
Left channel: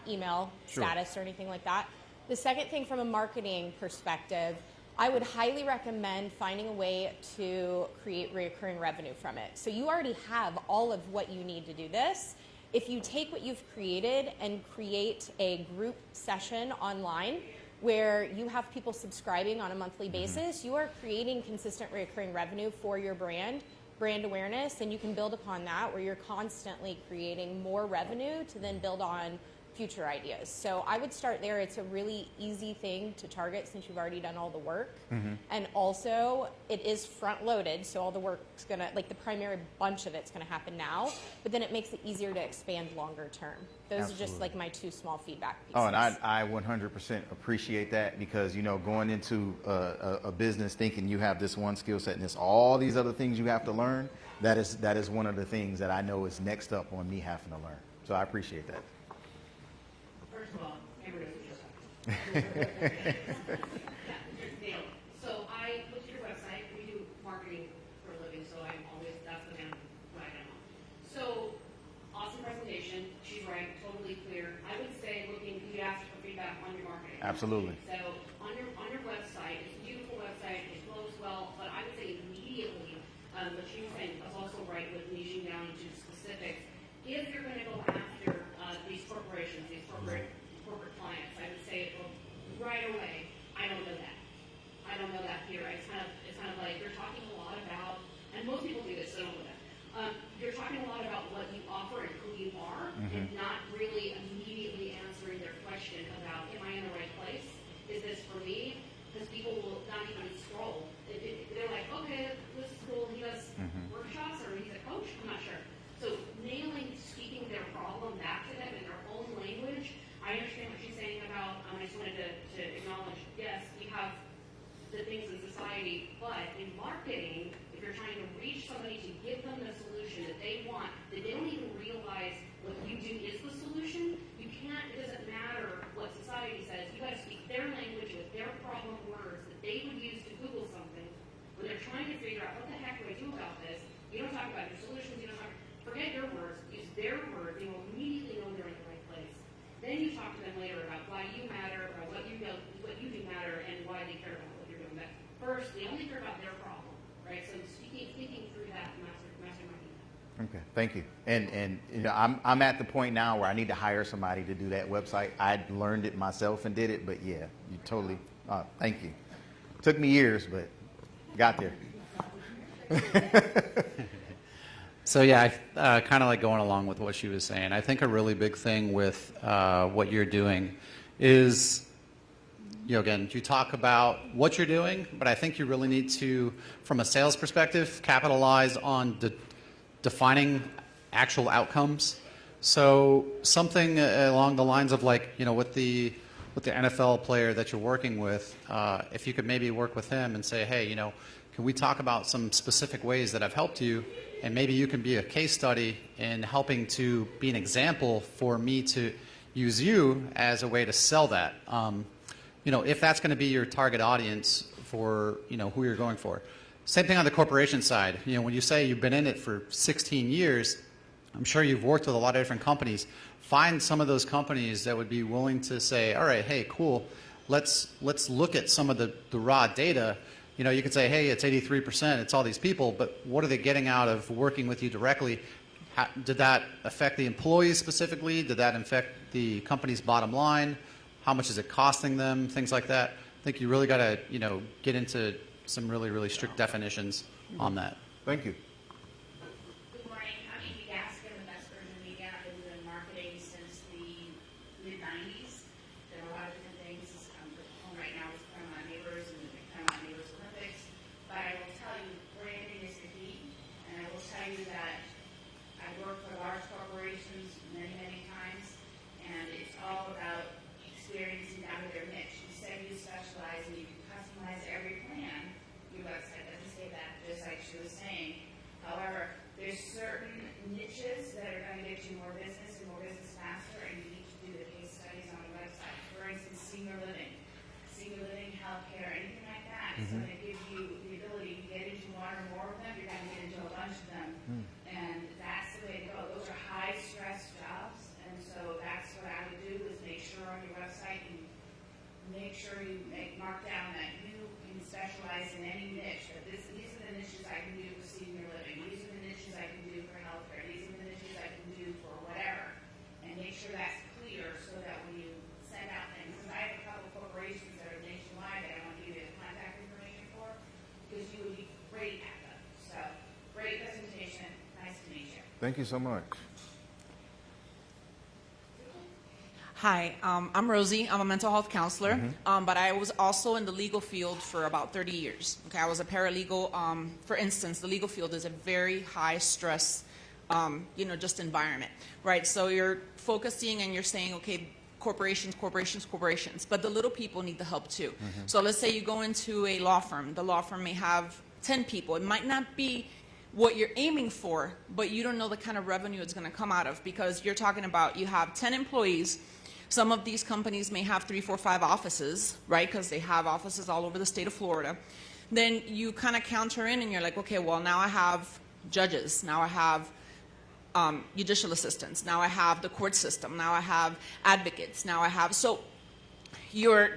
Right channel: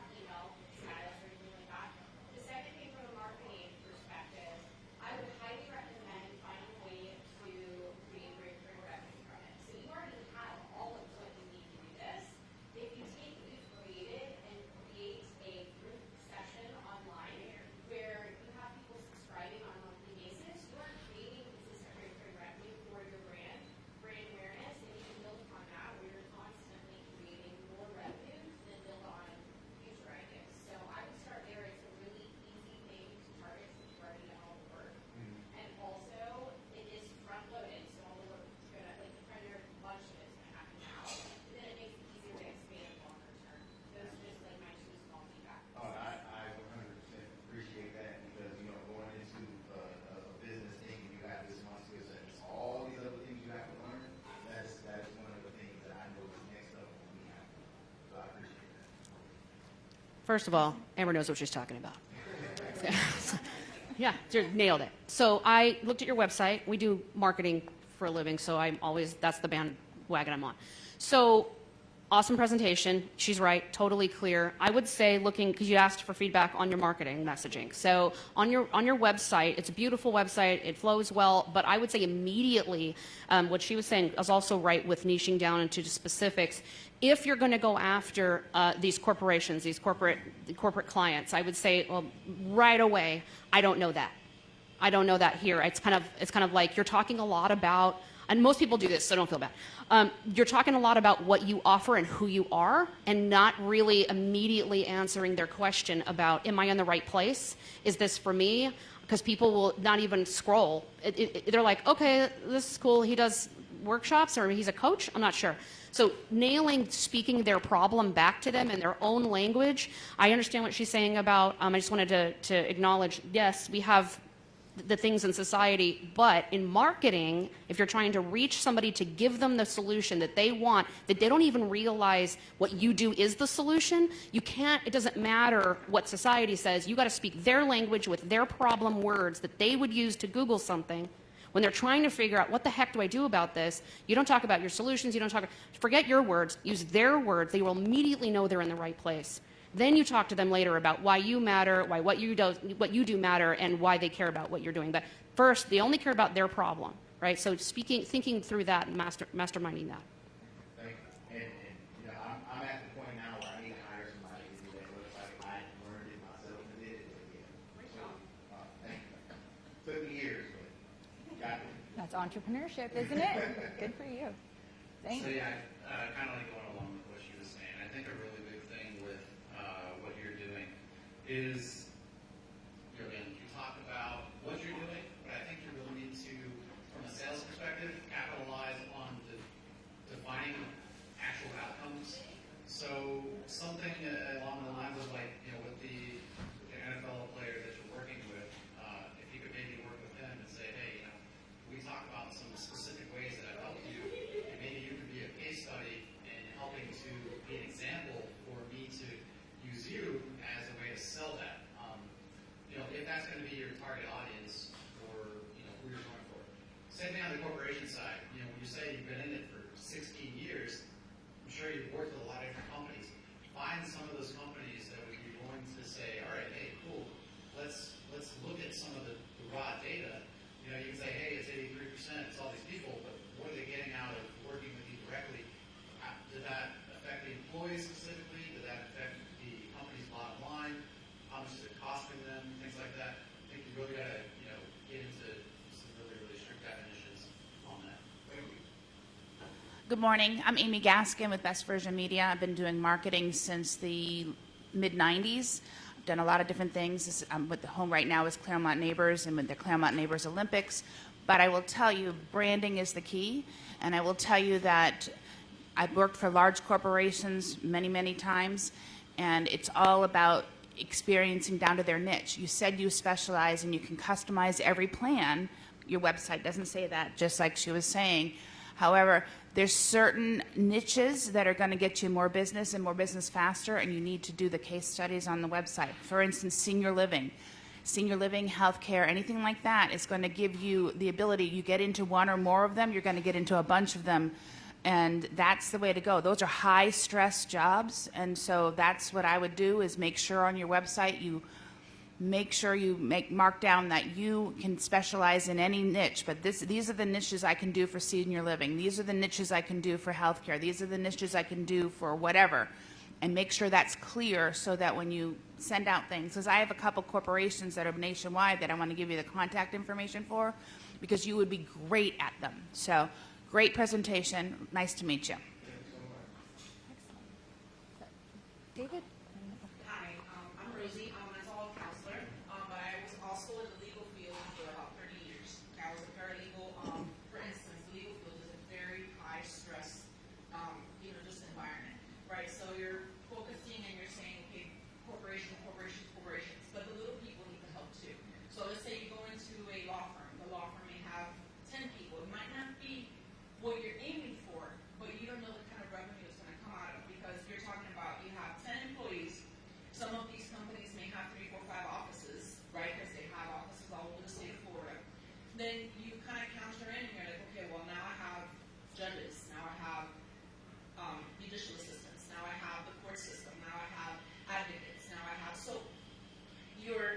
email status or anything like that. The second thing, from a marketing perspective, I would highly recommend finding a way to create recurring revenue from it. So you already have all of what you need to do this. If you take what you've created and create a group session online where you have people subscribing on a monthly basis, you are creating consistent recurring revenue for your brand awareness, and you can build upon that where you're constantly creating more revenue to then build on future ideas. So I would start there. It's a really easy thing to target since you've already done all the work. And also it is front loaded, so all the work's gonna, the primary bunch of it's gonna happen now, but then it makes it easier to expand longer term. Those Absolutely. are just my 2 small feedback pieces. Oh, and I 100% appreciate that, because going into a business thinking you have this one skill set and there's all these other things you have to learn, that is one of the things that I know is next up on me having to learn. So I appreciate that. First of all, Amber knows what she's talking about. Yeah, you nailed it. So I looked at your website. We do marketing for a living, so that's the bandwagon I'm on. So Awesome presentation. She's right, totally clear. I would say looking, because you asked for feedback on your marketing Absolutely. messaging. So on your website, it's a beautiful website, it flows well, but I would say immediately, what she was saying is also right with niching down into the specifics. If you're going to go after these corporations, these corporate clients, I would say, well, right away, I don't know that. I don't know that here. It's kind of like you're talking a lot about, and most people do this, so don't feel bad. You're talking a lot about what you offer and who you are, and not really immediately answering their question about, am I in the right place? Is this for me? Because people will not even scroll. They're like, okay, this is cool. He does workshops, or he's a coach. I'm not sure. So speaking their problem back to them in their own language. I understand what she's saying about, I just wanted to acknowledge, yes, we have the things in society, but in marketing, if you're trying to reach somebody to give them the solution that they want, that they don't even realize what you do is the solution, you can't, it doesn't matter what society says, you got to speak their language with their problem words that they would use to Google something. When they're trying to figure out what the heck do I do about this, you don't talk about your solutions, you don't talk, forget your words, use their words, they will immediately know they're in the right place. Then you talk to them later about why you matter, why what you do matter, and why they care about what you're doing. But first, they only care about their problem, right? So thinking through that, and masterminding that. Okay, thank you. And you know, I'm at the point now where I need to hire somebody to do that website. I learned it myself and did it, but yeah, you totally. Thank you. Took me years, but got there. That's entrepreneurship, isn't it? Good for you. So yeah, I kind of like going along with what she was saying. I think a really big thing with what you're doing is, you know, again, you talk about what you're doing, but I think you really need to, from a sales perspective, capitalize on defining actual outcomes. So something along the lines of, like, you know, with the NFL player that you're working with, if you could maybe work with him and say, hey, you know, can we talk about some specific ways that I've helped you? And maybe you can be a case study in helping to be an example for me to use you as a way to sell that. You know, if that's going to be your target audience for, you know, who you're going for. Same thing on the corporation side. You know, when you say you've been in it for 16 years, I'm sure you've worked with a lot of different companies. Find some of those companies that would be willing to say, all right, hey, cool, let's look at some of the raw data. You know, you could say, hey, it's 83%, it's all these people, but what are they getting out of working with you directly? Did that affect the employees specifically? Did that affect the company's bottom line? How much is it costing them? Things like that. I think you really got to, you know, get into some really, really strict definitions on that. Thank you. Good morning. I'm Amy Gaskin with Best Version Media. I've been doing marketing since the mid-90s. Done a lot of different things. I'm with the home right now is Claremont Neighbors and with the Claremont Neighbors Olympics. But I will tell you, branding is the key. And I will tell you that I've worked for large corporations many, many times. And it's all about experiencing down to their niche. You said you specialize and you can customize every plan. Your website doesn't say that, just like she was saying. However, there's certain niches that are going to get you more business and more business faster, and you need to do the case studies on the website. For instance, senior living, healthcare, anything like that is going to give you the ability. You get into one or more of them, you're going to get into a bunch of them, and that's the way to go. Those are high-stress jobs, and so that's what I would do is make sure on your website you make sure you mark down that you can specialize in any niche, but these are the niches I can do for senior living. These are the niches I can do for healthcare. These are the niches I can do for whatever. And make sure that's clear so that when you send out things, because I have a couple corporations that are nationwide that I want to give you the contact information for, because you would be great at them. So, great presentation. Nice to meet you. Thank you so much. Hi, I'm Rosie. I'm a mental health counselor, but I was also in the legal field for about 30 years. Okay, I was a paralegal. For instance, the legal field is a very high stress, you know, just environment, right? So you're focusing and you're saying, okay, corporations, but the little people need the help too. So let's say you go into a law firm. The law firm may have 10 people. It might not be what you're aiming for, but you don't know the kind of revenue it's going to come out of, because you're talking about you have 10 employees. Some of these companies may have 3, 4, 5 offices, right? Because they have offices all over the state of Florida. Then you kind of counter in and you're like, okay, well, now I have judges. Now I have judicial assistants. Now I have the court system. Now I have advocates. Now I have, so you're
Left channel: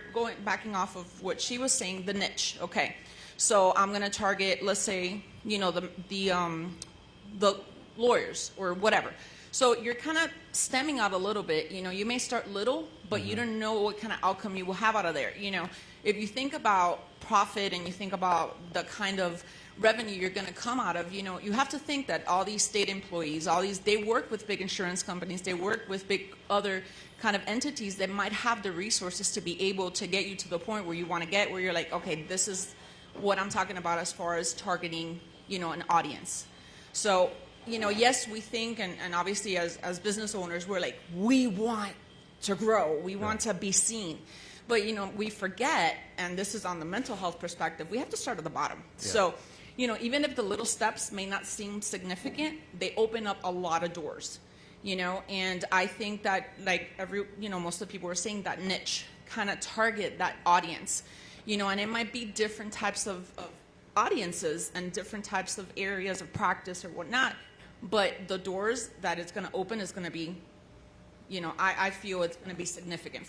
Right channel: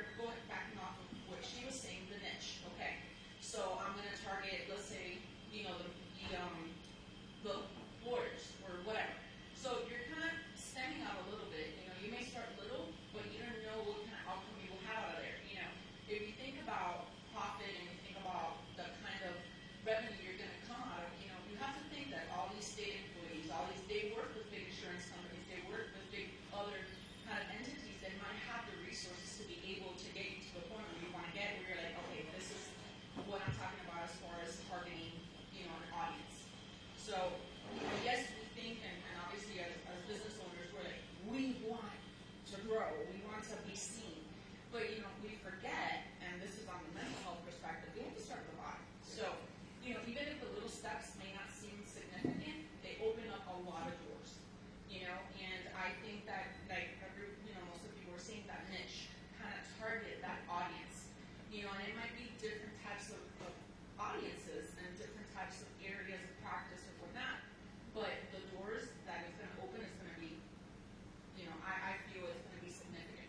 backing off of what she was saying, the niche. Okay, so I'm going to target, let's say, you know, the lawyers or whatever. So you're kind of stemming out a little bit. You know, you may start little, but you don't know what kind of outcome you will have out of there. You know, if you think about profit and you think about the kind of revenue you're going to come out of, you know, you have to think that all these state employees, they work with big insurance companies, they work with big other kind of entities that might have the resources to be able to get you to the point where you want to get, where you're like, okay, this is what I'm talking about as far as targeting, you know, an audience. So, you know, yes, we think, and obviously as business owners, we're like, we want to grow, we want to be seen. But, you know, we forget, and this is on the mental health perspective, we have to start at the bottom. Yeah. So, you know, even if the little steps may not seem significant, they open up a lot of doors, you know, and I think that, like, most of the people were saying, that niche, kind of target that audience, you know, and it might be different types of audiences and different types of areas of practice or whatnot, but the doors that it's going to open is going to be, you know, I feel it's going to be significant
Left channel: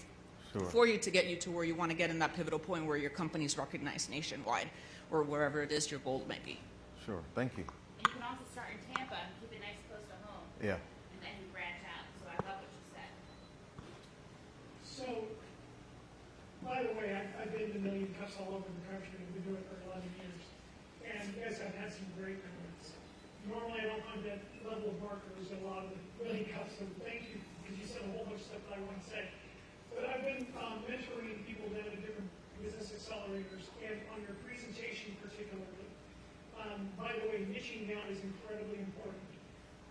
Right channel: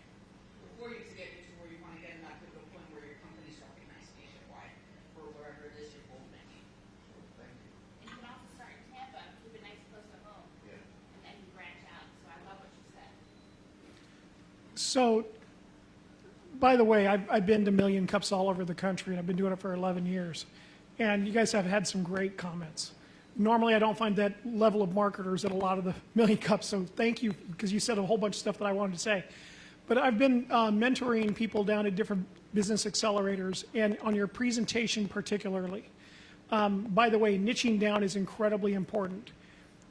for you to get you to where you want to get in that pivotal point where your company's recognized nationwide or wherever it is your goal might be. Sure, thank you. And you can also start in Tampa and keep it nice close to home. Yeah. And then you branch out. So I love what you said. So, by the way, I've been to Million Cups all over the country, and I've been doing it for 11 years. And you guys have had some great comments. Normally, I don't find that level of marketers at a lot of the Million Cups, so thank you, because you said a whole bunch of stuff that I wanted to say. But I've been mentoring people down at different business accelerators, and on your presentation particularly. By the way, niching down is incredibly important.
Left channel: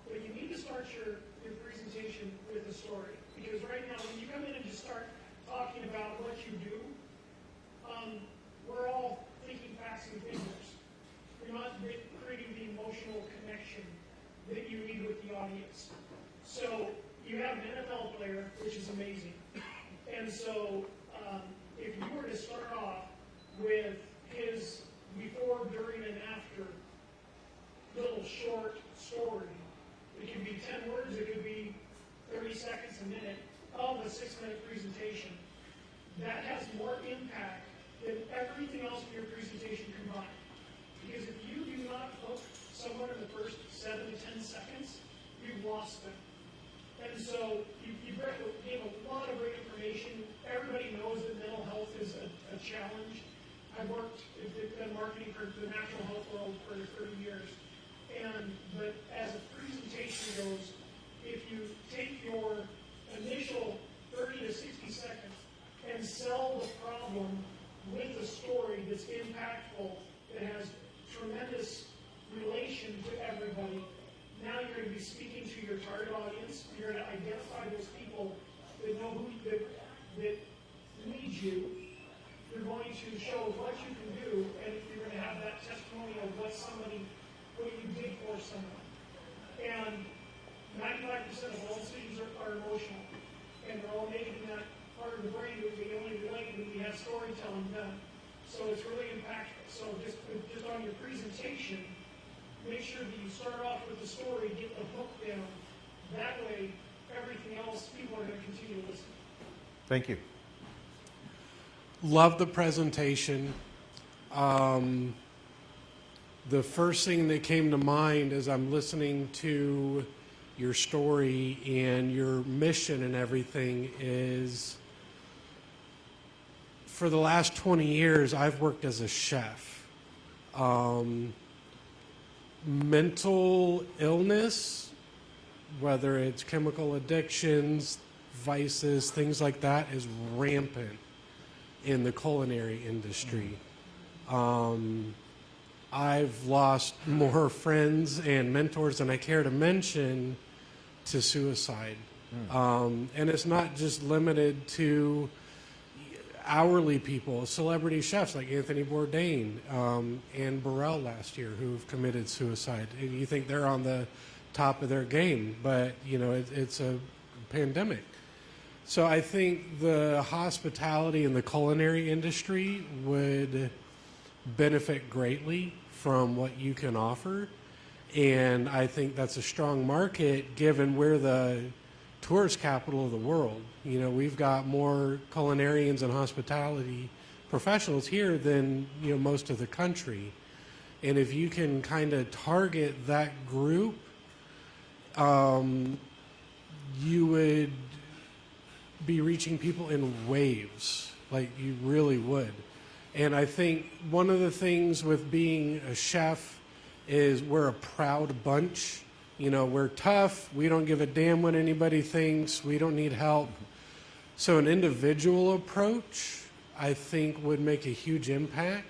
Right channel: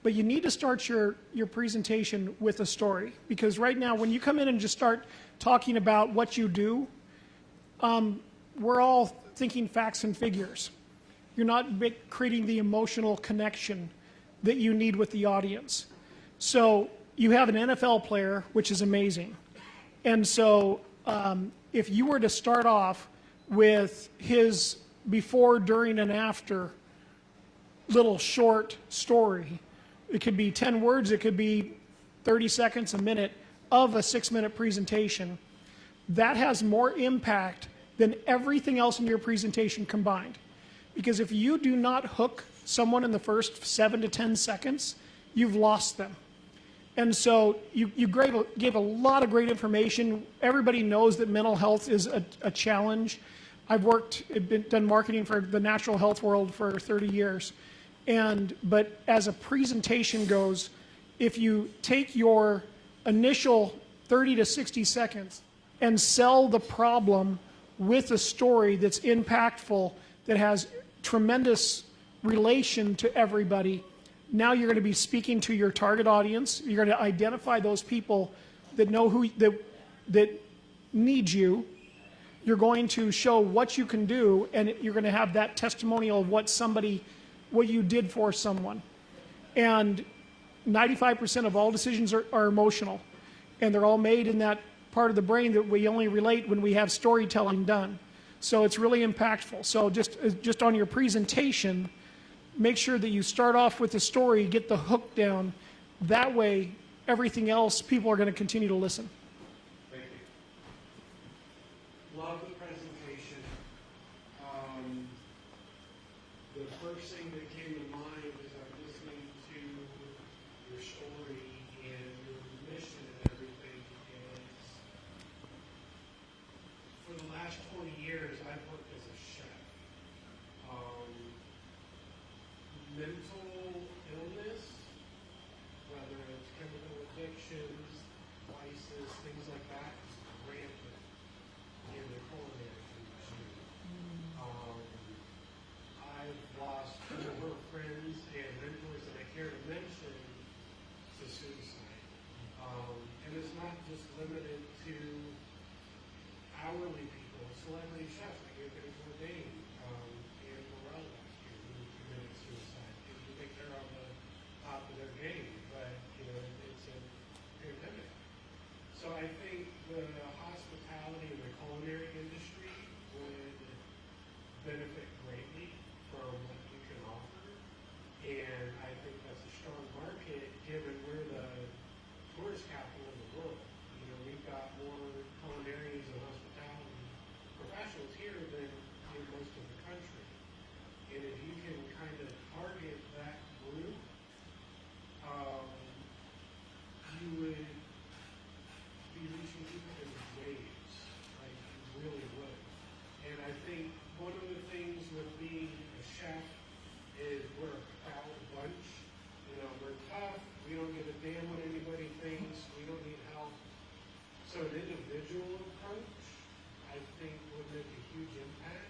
But you need to start your presentation with a story, because right now, when you come in and just start talking about what you do, we're all thinking facts and figures. You're not creating the emotional connection that you need with the audience. So you have an NFL player, which is amazing. And so if you were to start off with his before, during, and after little short story, it could be 10 words, it could be 30 seconds, a minute of a 6-minute presentation, that has more impact than everything else in your presentation combined. Because if you do not hook someone in the first 7 to 10 seconds, you've lost them. And so you gave a lot of great information. Everybody knows that mental health is a challenge. I've done marketing for the natural health world for 30 years. But as a presentation goes, if you take your initial 30 to 60 seconds and sell the problem with a story that's impactful, that has tremendous relation to everybody, now you're going to be speaking to your target audience. You're going to identify those people that know that need you. You're going to show what you can do, and you're going to have that testimonial of what you did for someone. And 95% of all decisions are emotional, and they're all made in that part of the brain that we only relate when we have storytelling done. So it's really impactful. So just on your presentation, make sure that you start off with the story, get the hook down. That way, everything else, people are going to continue to listen. Thank you. Love the presentation. The first thing that came to mind as I'm listening to your story and your mission and everything is, for the last 20 years, I've worked as a chef. Mental illness, whether it's chemical addictions, vices, things like that, is rampant in the culinary industry. I've lost more friends and mentors than I care to mention to suicide. And it's not just limited to hourly people, celebrity chefs like Anthony Bourdain and Burrell last year who've committed suicide. And you think they're on the top of their game, but you know, it's a pandemic. So I think the hospitality and the culinary industry would benefit greatly from what you can offer. And I think that's a strong market given we're the tourist capital of the world. You know, we've got more culinarians and hospitality professionals here than, you know, most of the country. And if you can kind of target that group, you would be reaching people in waves, like you really would. And I think one of the things with being a chef is we're a proud bunch. You know, we're tough. We don't give a damn what anybody thinks. We don't need help. So an individual approach, I think, would make a huge impact.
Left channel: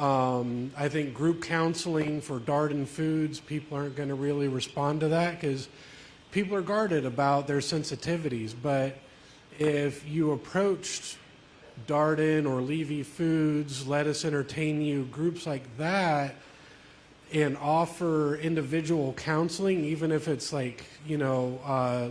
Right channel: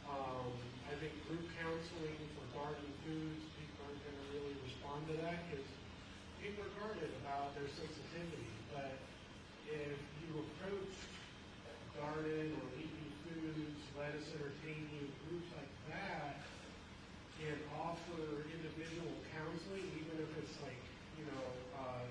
I think group counseling for Darden Foods, people aren't going to really respond to that because people are guarded about their sensitivities. But if you approached Darden or Levy Foods, Let Us Entertain You, groups like that, and offer individual counseling, even if it's like, you know,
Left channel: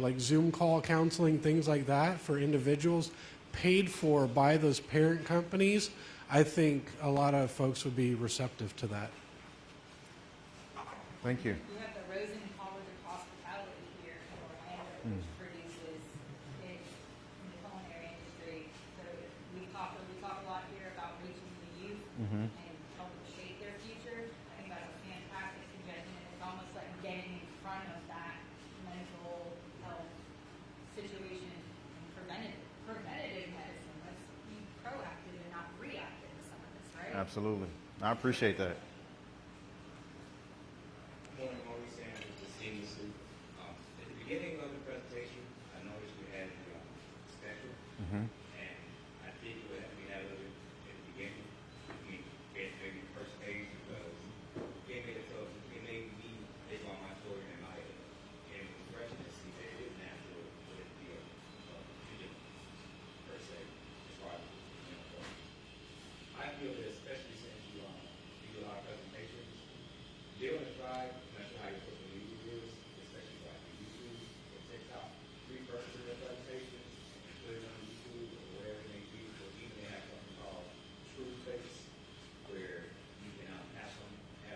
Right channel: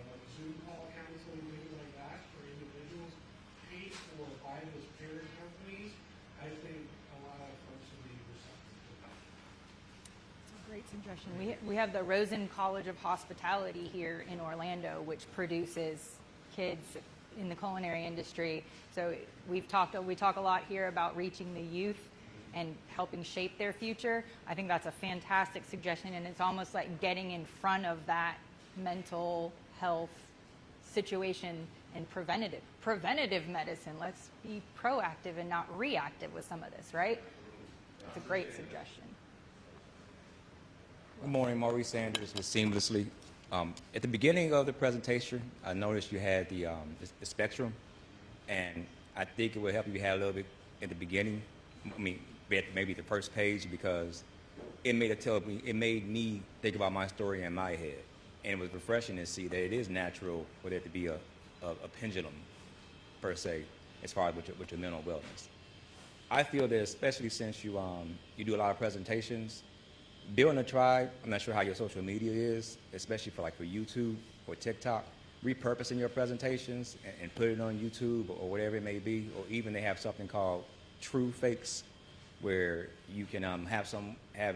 like Zoom call counseling, things like that for individuals, paid for by those parent companies, I think a lot of folks would be receptive to that. Thank you. We have the Rosen College of Hospitality here in Orlando, which produces kids in the culinary industry. So we talk a lot here about reaching the youth and helping shape their future. I think that's a fantastic suggestion, and it's almost like getting in front of that mental health situation and preventative medicine. Let's be proactive and not reactive with some of this, right? Absolutely. I It's a great appreciate that. suggestion. Good morning, Maurice Sanders with Seamlessly. At the beginning of the presentation, I noticed you had the spectrum, and I think it would help if you had a little bit in the beginning. I mean, maybe the first page, because it made me think about my story in my head, and it was refreshing to see that it is natural for there to be a pendulum, per se, as far as with your mental wellness. I feel that especially since you do a lot of presentations, building a tribe. I'm not sure how your social media is, especially for YouTube or TikTok. Repurposing your presentations and put it on YouTube or whatever it may be, or even they have something called true fakes, where you can have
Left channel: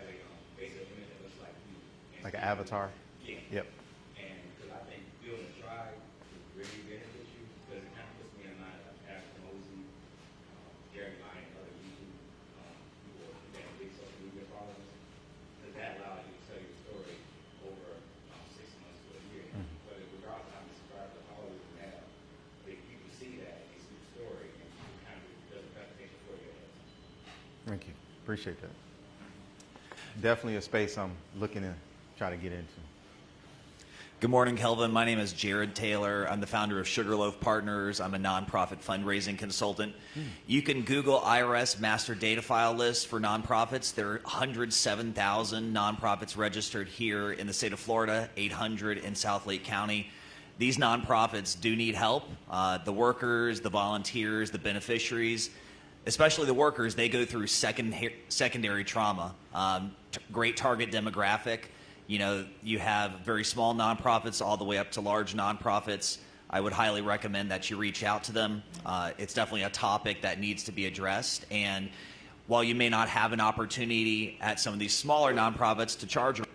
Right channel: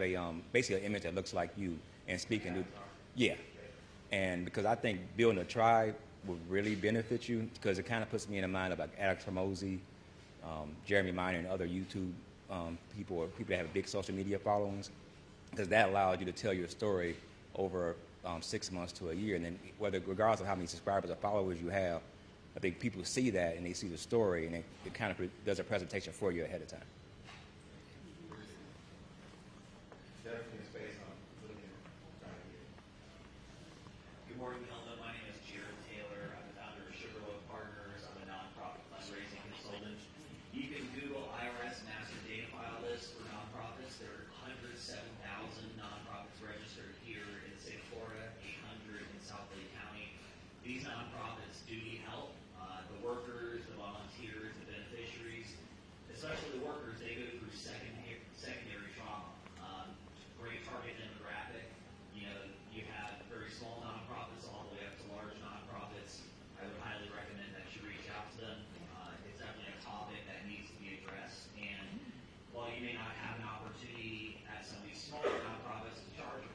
a basically an image that looks like you and Like an avatar? Yeah. Yep. And because I think building a tribe would really benefit you, because it kind of puts me in the mind of like Alex Hormozy, Jeremy Miner, and other YouTube people, or people that have big social media followings, because that allows you to tell your story over 6 months to a year, and then regardless of how many subscribers or followers you have, I think people see that and they see the story, and it kind of does a presentation for you ahead of time. Thank you. Appreciate that. Definitely a space I'm looking to try to get into. Good morning, Kelvin. My name is Jared Taylor. I'm the founder of Sugarloaf Partners. I'm a nonprofit fundraising consultant. You can Google IRS master data file list for nonprofits. There are 107,000 nonprofits registered here in the state of Florida, 800 in South Lake County. These nonprofits do need help. The workers, the volunteers, the beneficiaries, especially the workers, they go through secondary trauma. Great target demographic. You know, you have very small nonprofits all the way up to large nonprofits. I would highly recommend that you reach out to them. It's definitely a topic that needs to be addressed. And while you may not have an opportunity at some of these smaller nonprofits to charge a rate,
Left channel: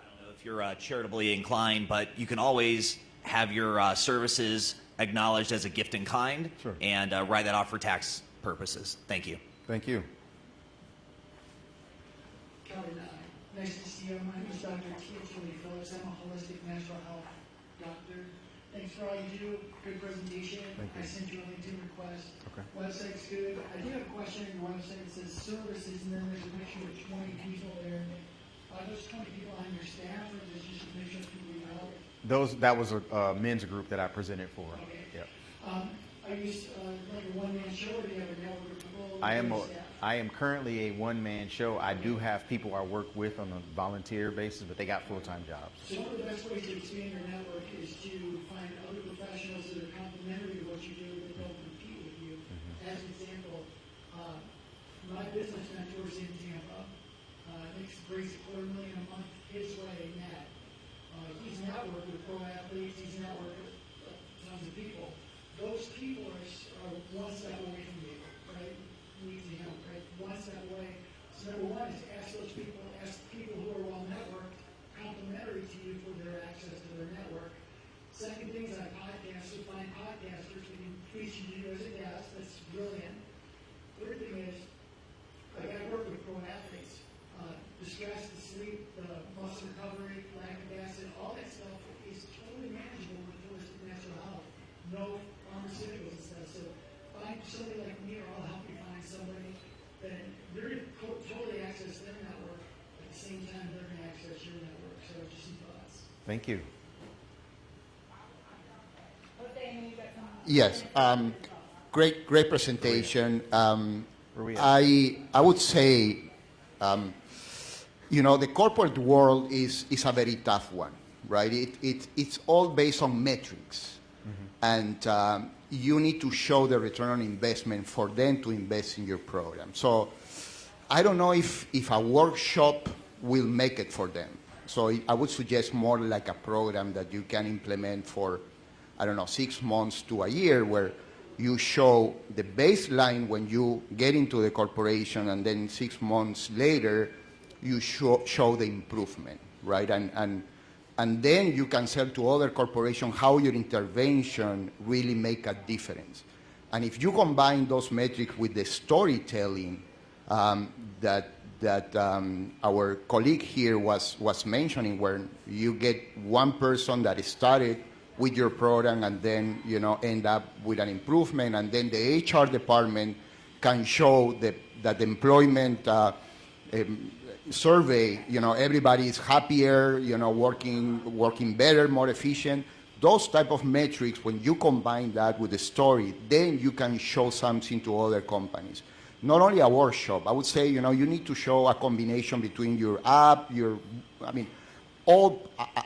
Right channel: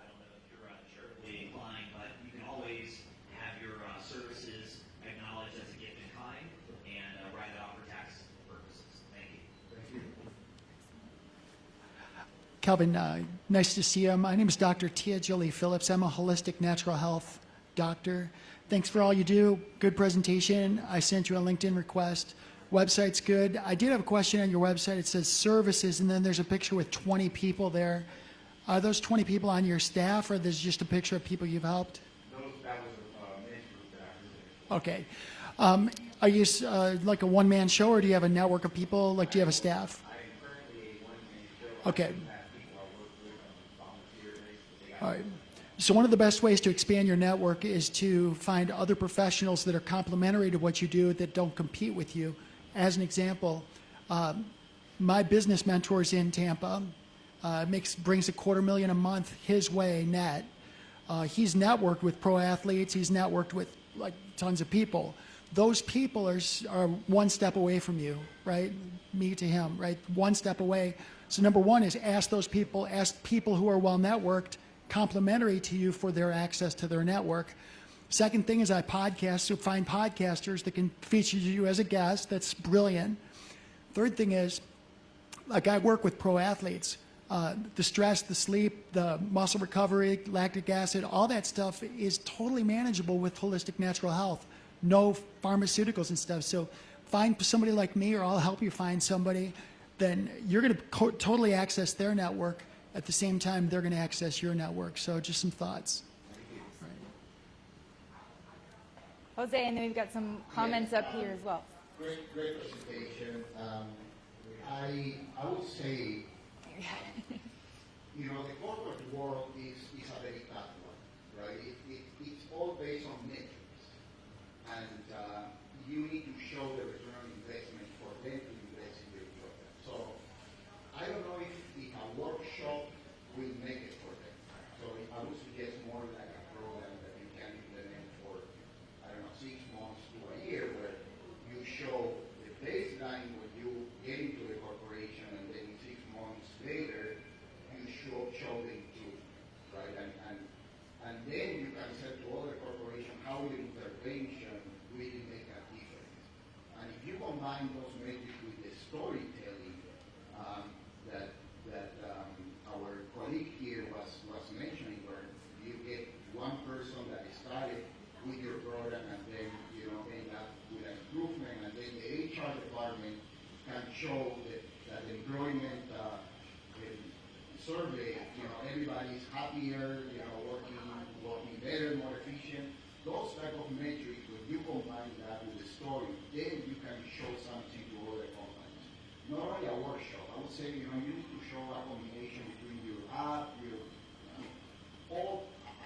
I don't know if you're charitably inclined, but you can always have your services acknowledged as a gift in kind, and write that off for tax purposes. Thank you. Thank you. Calvin, nice to see you. My name is Dr. Tia Jolie Phillips. I'm a holistic natural health doctor. Thanks for all you do. Good presentation. I sent you a LinkedIn request. Website's good. I did have a question on your website. It says services, and then there's a picture with 20 people there. Are those 20 people on your staff, or there's just a picture of people you've helped? That was a men's group that I presented for. Okay. Yeah. Are you like a one-man show, or do you have a network of people? Like, do you have a staff? I am currently a one-man show. Okay. I do have people I work with on a volunteer basis, but they got full-time jobs. So one of the best ways to expand your network is to find other professionals that are complementary to what you do that don't compete with you. As an example, my business mentor's in Tampa, brings $250,000 a month his way net. He's networked with pro athletes. He's networked with like tons of people. Those people are one step away from you, right? Me to him, right? One step away. So number one is ask people who are well networked, complementary to you for their access to their network. Second thing is I podcast, so find podcasters that can feature you as a guest. That's brilliant. Third thing is, like I work with pro athletes. The stress, the sleep, the muscle recovery, lactic acid, all that stuff is totally manageable with holistic natural health. No pharmaceuticals and stuff. So find somebody like me, or I'll help you find somebody. Then you're going to totally access their network. At the same time, they're going to access your network. So just some thoughts. Thank you. Jose, and then we've got some Yes, comments up here as well. great presentation. I would say, the corporate world is a very tough one, right? It's all based on metrics, and you need to show the return on investment for them to invest in your program. So I don't know if a workshop will make it for them. So I would suggest more like a program that you can implement for, 6 months to a year, where you show the baseline when you get into the corporation, and then 6 months later, you show the improvement, right? And then you can sell to other corporations how your intervention really make a difference. And if you combine those metrics with the storytelling that our colleague here was mentioning, where you get one person that started with your program and then end up with an improvement, and then the HR department can show that the employment survey, everybody is happier, working better, more efficient. Those type of metrics, when you combine that with the story, then you can show something to other companies. Not only a workshop, I would say, you need to show a combination between your app, a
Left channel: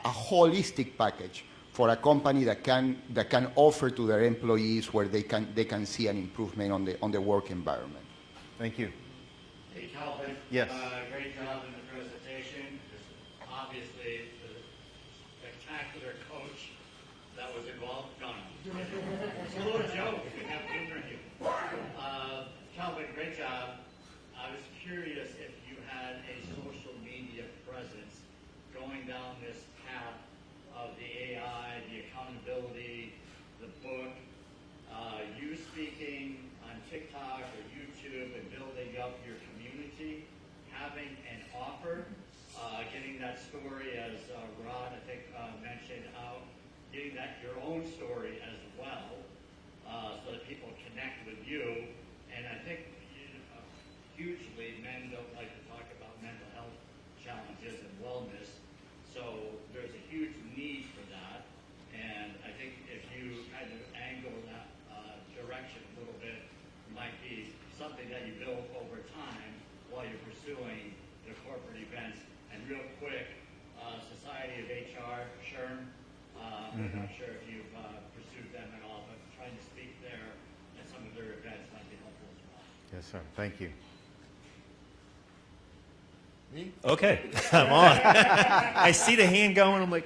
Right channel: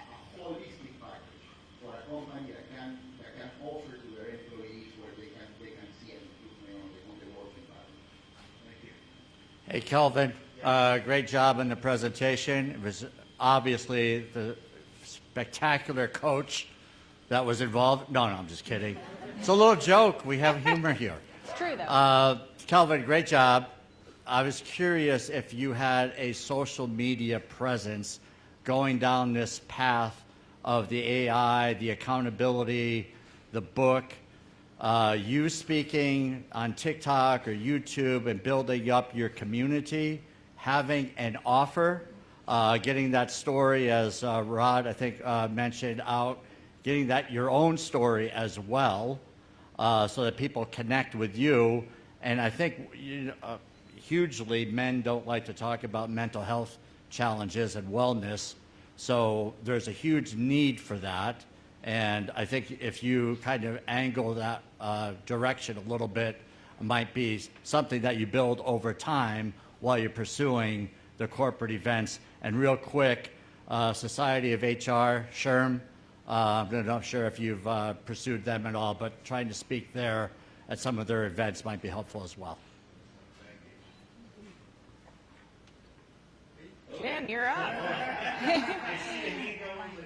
holistic package for a company that can offer to their employees, where they can see an improvement on the work environment. Thank you. Hey, Kelvin. Yes. Great job in the presentation. It was obviously the spectacular coach that was involved. No, I'm just kidding. It's a little joke. We have humor here. It's true, though. Kelvin, great job. I was curious if you had a social media presence going down this path of the AI, the accountability, the book, you speaking on TikTok or YouTube and building up your community, having an offer, getting that story, as Rod, I think, mentioned out, getting that your own story as well, so that people connect with you. And I think hugely men don't like to talk about mental health challenges and wellness. So there's a huge need for that. And I think if you kind of angle that direction a little bit, it might be something that you build over time while you're pursuing the corporate events. And real quick, Society of HR, SHRM, I'm not sure if you've pursued them at all, but trying to speak there at some of their events might be helpful as well. Yes, sir. Thank you. Okay, come on. I see the hand going. I'm like,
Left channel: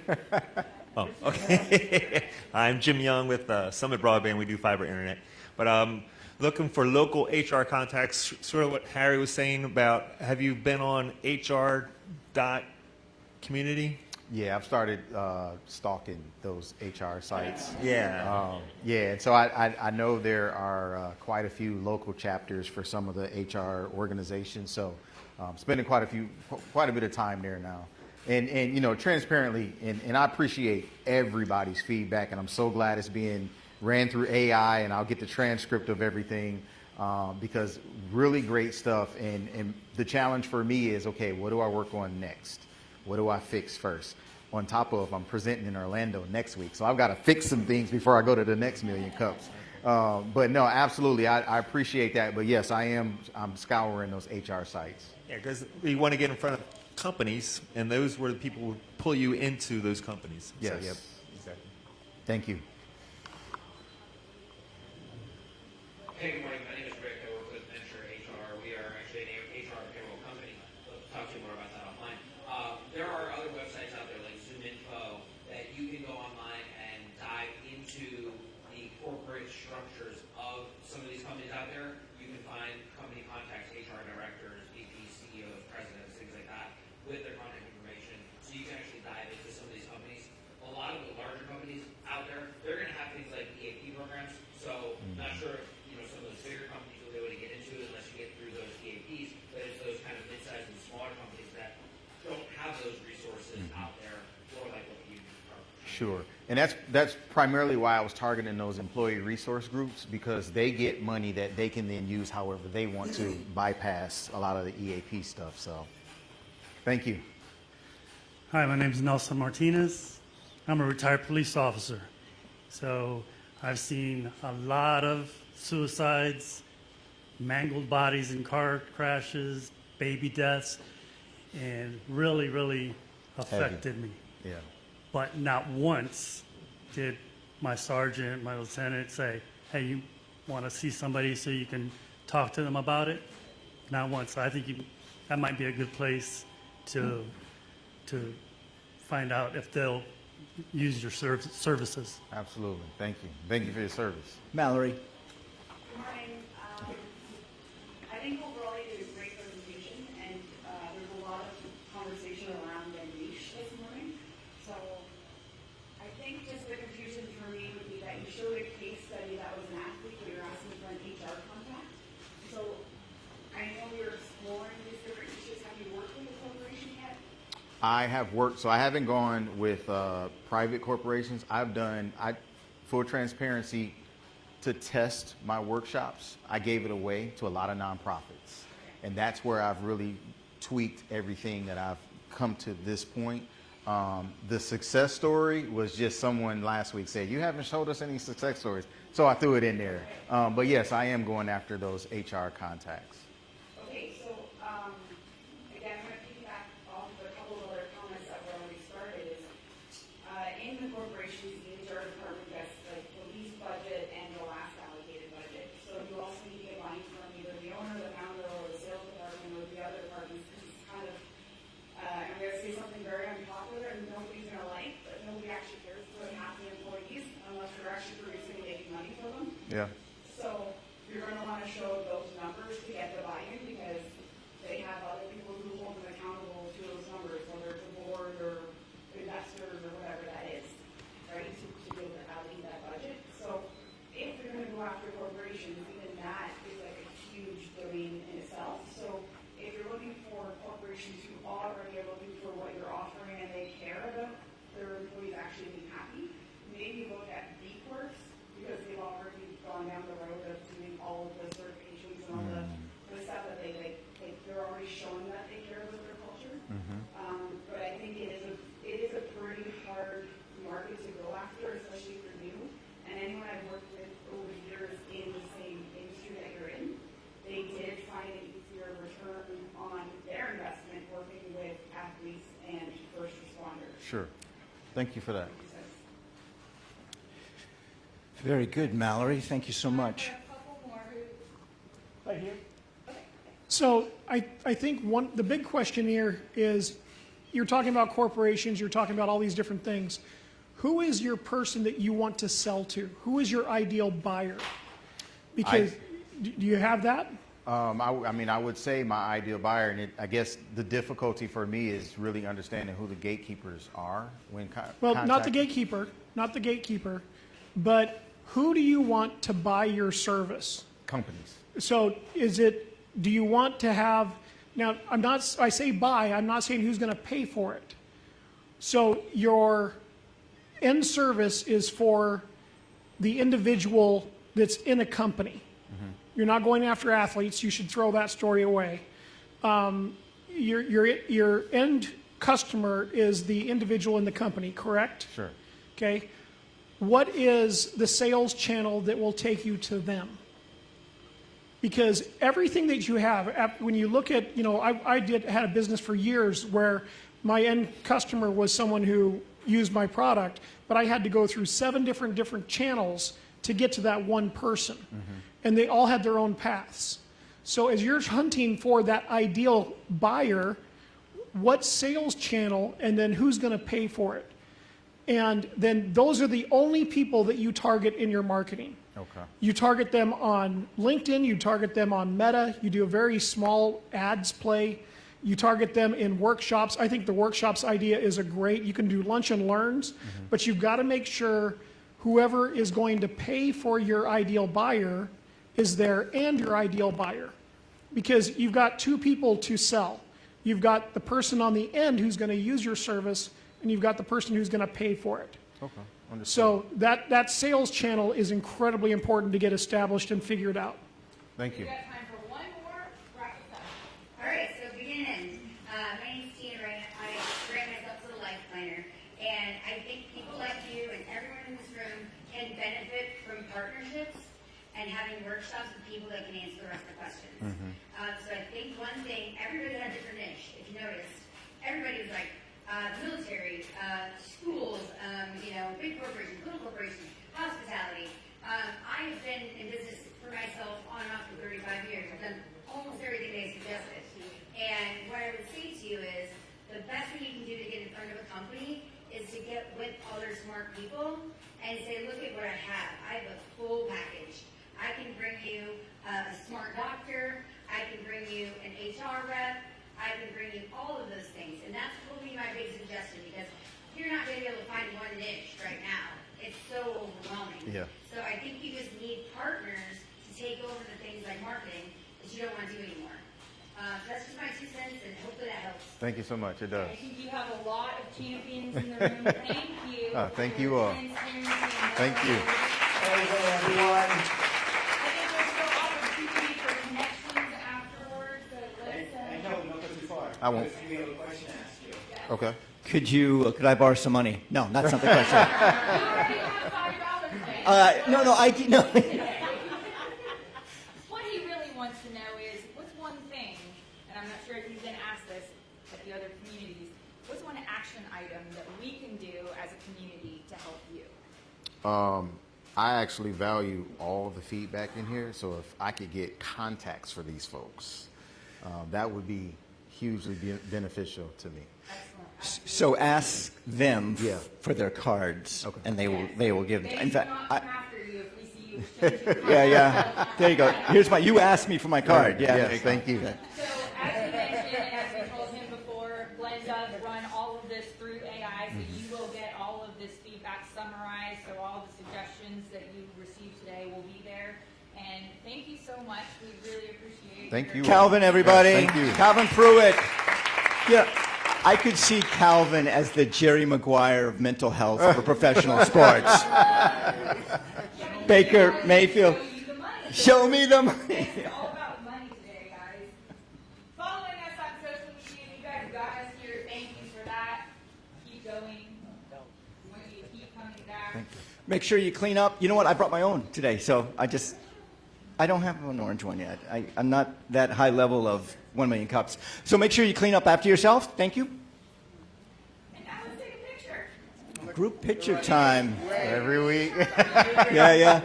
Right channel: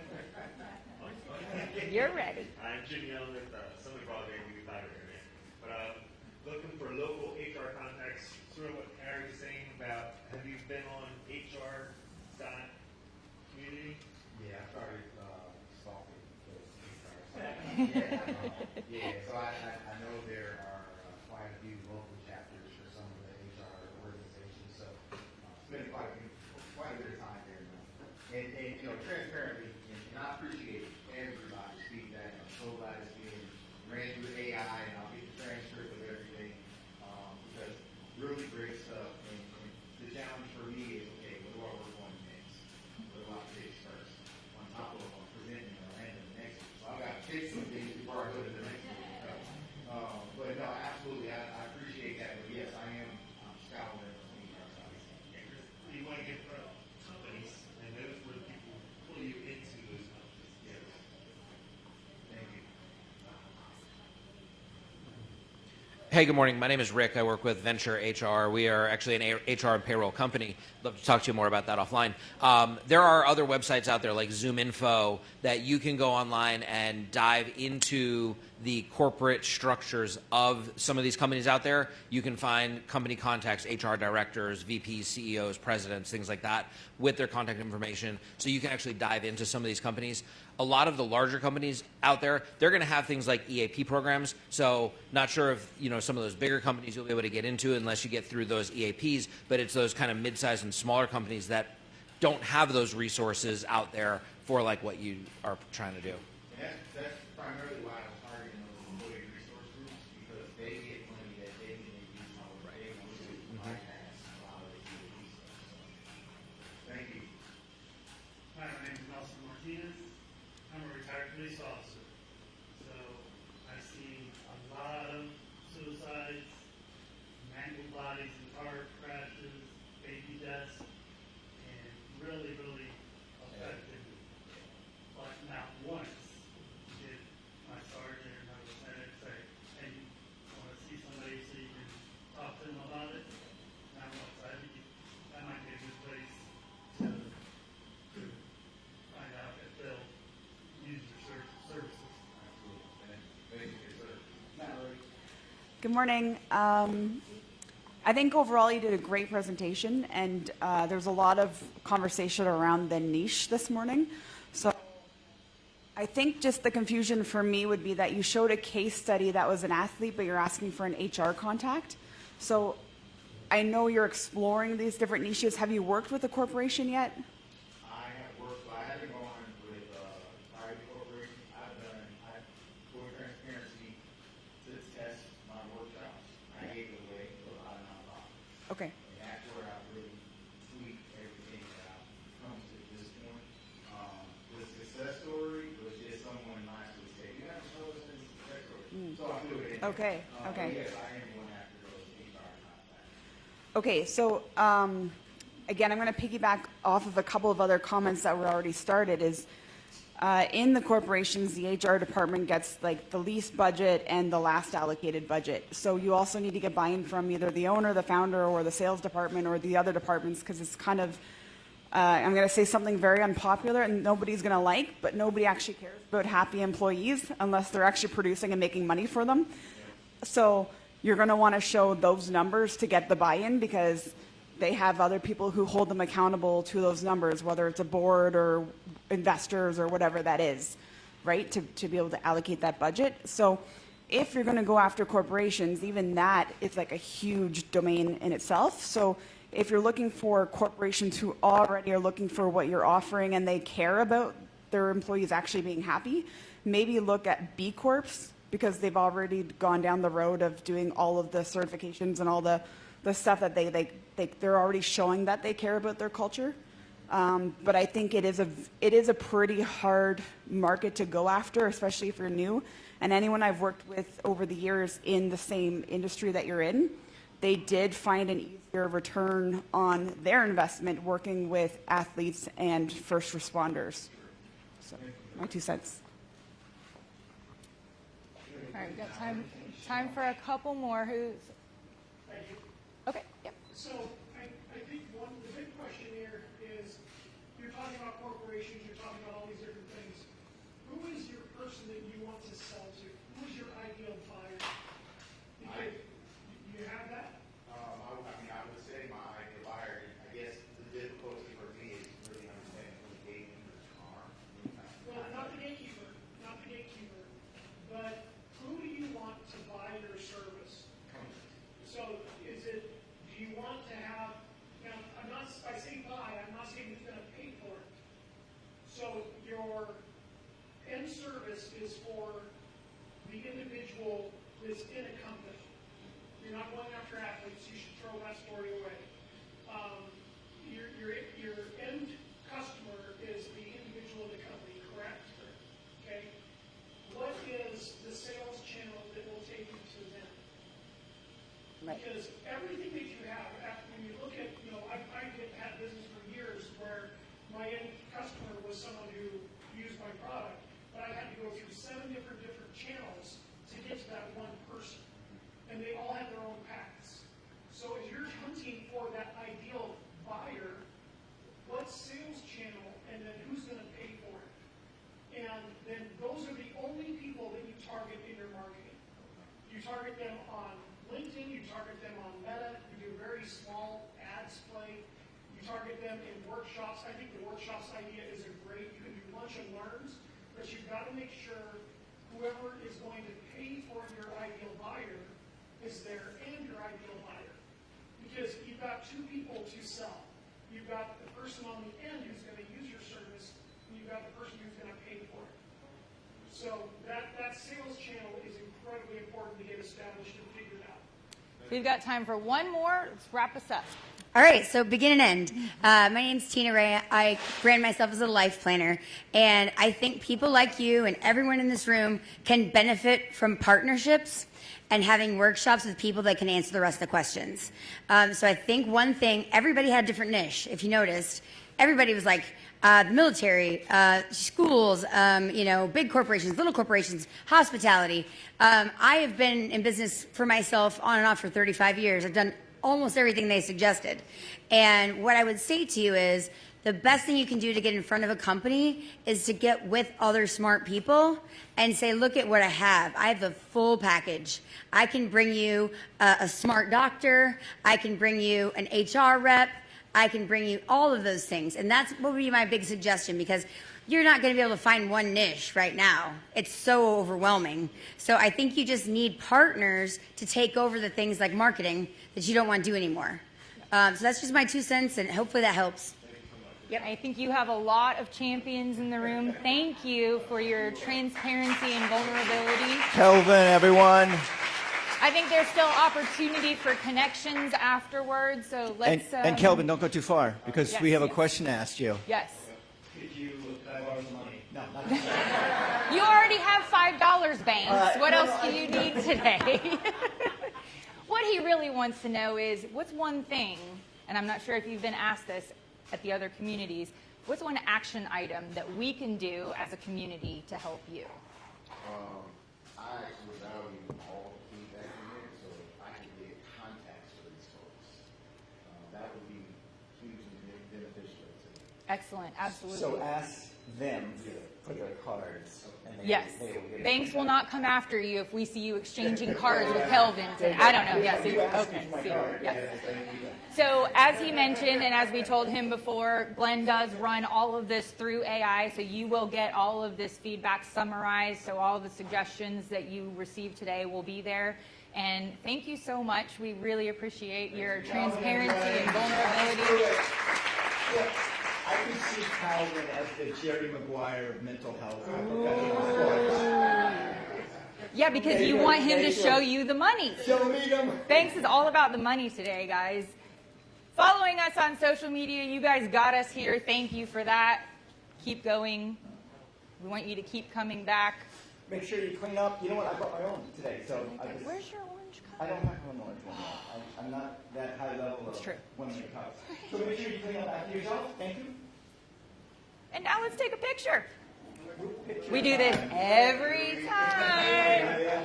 oh, okay. I'm Jim Young with Summit Broadband. We do fiber internet. But looking for local HR contacts, sort of what Harry was saying about, have you been on HR.community? Yeah, I've started stalking those HR sites. Yeah. And so I know there are quite a few local chapters for some of the HR organizations. So spending quite a bit of time there now. And transparently, and I appreciate everybody's feedback, and I'm so glad it's being ran through AI, and I'll get the transcript of everything, because really great stuff. And the challenge for me is, okay, what do I work on next? What do I fix first? On top of, I'm presenting in Orlando next week, so I've got to fix some things before I go to the next Million Cups. But no, absolutely, I appreciate that. But yes, I'm scouring those HR sites. Yeah, because you want to get in front of companies, and those were the people who pull you into those companies. Yes. So, yep, exactly. Thank you. Hey, good morning. My name is Rick. I work with Venture HR. We are actually an HR and payroll company. I'd love to talk to you more about that offline. There are other websites out there like Zoom Info that you can go online and dive into the corporate structures of some of these companies out there, you can find company contacts, HR directors, VPs, CEOs, presidents, things like that, with their contact information, so you can actually dive into some of these companies. A lot of the larger companies out there, they're going to have things like EAP programs. So not sure if some of those bigger companies you'll be able to get into unless you get through those EAPs, but it's those kind of mid-sized and smaller companies that don't have those resources out there for like what you are trying to do. Sure. And that's primarily why I was targeting those employee resource groups, because they get money that they can then use however they want to bypass a lot of the EAP stuff. So thank you. Hi, my name is Nelson Martinez. I'm a retired police officer. So I've seen a lot of suicides, mangled bodies in car crashes, baby deaths, and really, really affected me. Yeah. But not once did my sergeant, my lieutenant say, hey, you want to see somebody so you can talk to them about it? Not once. I think that might be a good place to find out if they'll use your services. Absolutely. Thank you. Thank you for your service. Mallory. Good morning. I think overall you did a great presentation, and there's a lot of conversation around the niche this morning. So I think just the confusion for me would be that you showed a case study that was an athlete, but you're asking for an HR contact. So I know you're exploring these different niches. Have you worked with a corporation yet? I have worked, so I haven't gone with private corporations. Full transparency, to test my workshops, I gave it away to a lot of nonprofits. Okay. And that's where I've really tweaked everything that I've come to this point. The success story was just someone last week said, you haven't showed us any success stories. So I threw it in there. Okay. But yes, I am going after those HR contacts. Okay, so again, I'm going to piggyback off of a couple of other comments that were already started. Is in the corporations, the HR department gets like the least budget and the last allocated budget. So you also need to get buy-in from either the owner, the founder, or the sales department, or the other departments, because it's kind of, I'm going to say something very unpopular and nobody's going to like, but nobody actually cares about happy employees unless they're actually producing and making money for them. Yeah. So you're going to want to show those numbers to get the buy-in, because they have other people who hold them accountable to those numbers, whether it's a board or investors or whatever that is, right, to be able to allocate that budget. So if you're going to go after corporations, even that is like a huge domain in itself. So if you're looking for corporations who already are looking for what you're offering and they care about their employees actually being happy, maybe look at B Corps, because they've already gone down the road of doing all of the certifications and all the stuff that they're already showing that they care about their culture. But I think it is a pretty hard market to go after, especially if you're new. And anyone I've worked with over the years in the same industry that you're in, they did find an easier return on their investment working with athletes and first responders. Sure. Thank you for that. 2 cents. Very good, Mallory. Thank you so Time much. for a couple more. Who's? Right here. Okay. Yep. So I think the big question here is, you're talking about corporations, you're talking about all these different things. Who is your person that you want to sell to? Who is your ideal buyer? Because do you have that? I mean, I would say my ideal buyer, and I guess the difficulty for me is really understanding who the gatekeepers are when Not the gatekeeper, but who do you want to buy your service? Companies. So do you want to have, now I say buy, I'm not saying who's going to pay for it. So your end service is for the individual that's in a company. You're not going after athletes. You should throw that story away. Your end customer is the individual in the company, correct? Sure. Okay. What is the sales channel that will take you to them? Because everything that you have, when you look at, I had a business for years where my end customer was someone who used my product, but I had to go through 7 different channels to get to that one person. And they all had their own paths. So as you're hunting for that ideal buyer, what sales channel and then who's going to pay for it? And then those are the only people that you target in your marketing. Okay. You target them on LinkedIn, you target them on Meta, you do a very small ads play, you target them in workshops. I think the workshops idea is a great, you can do lunch and learns, but you've got to make sure whoever is going to pay for your ideal buyer is there and your ideal buyer. Because you've got two people to sell. You've got the person on the end who's going to use your service, and you've got the person who's going to pay for it. Okay. Understood. So that sales channel is incredibly important to get established and figured out. Thank We've you. got time for one more. Let's wrap us up. All right, so begin and end. My name's Tina Ray. I brand myself as a life planner, and I think people like you and everyone in this room can benefit from partnerships and having workshops with people that can answer the rest of the questions. So I think one thing, everybody had a different niche, if you noticed. Everybody was like, military, schools, big corporations, little corporations, hospitality. I have been in business for myself on and off for 35 years. I've done almost everything they suggested. And what I would say to you is the best thing you can do to get in front of a company is to get with other smart people and say, look at what I have. I have a full package. I can bring you a smart doctor. I can bring you an HR rep. I can bring you all of those things. And that's what would be my big suggestion, because you're not going to be able to find one niche right now. It's so overwhelming. Yeah. So I think you just need partners to take over the things like marketing that you don't want to do anymore. So that's just my 2 cents, and hopefully that helps. Thank you so much. It Yeah, does. I think you have a lot of champions in the room. Thank you for thank your you all. transparency and Thank you. vulnerability. Kelvin, everyone. I think there's still opportunity for connections afterwards, so let's... And Kelvin, don't go too far, I won't. because we have a question to ask you. Yes. Okay. Could I borrow some money? No, that's not the question. You already have $5 banked. What no, else no, do you no. need today? What he really wants to know is, what's one thing, and I'm not sure if you've been asked this at the other communities, what's one action item that we can do as a community to help you? I actually value all of the feedback in here, so if I could get contacts for these folks, that would be hugely beneficial to me. Excellent, absolutely. So ask them Yeah. for their cards, and they Yes. will give them. Banks In will fact, not come after you if we see you exchanging cards yeah, with yeah. Kelvin. There you go. I don't know Here's yet. my. You asked me for my card. Yeah. Yes, thank you. So as he mentioned, and as we told him before, Glenn does run all of this through AI, so you will get all of this feedback summarized, so all the suggestions that you received today will be there. And thank you so much. We really appreciate Thank your you. Calvin, everybody. Thank you. Calvin Pruitt. Yeah. I could see Calvin as the Jerry Maguire of mental health for professional sports. Yeah, because Baker you want him Mayfield. to show you the money. Show me them. Thanks is all about the money today, guys. Following us on social media, you guys got us here. Thank you for that. Keep going. We want you to keep coming back. Make sure you clean up. You know what? I brought my own today, so Where's your orange cup? I don't have an orange one yet. I'm not that high level of 1 million cups. So make sure you clean up after yourself. Thank you. And now let's take a picture. Group picture We do time. this every week. Yeah.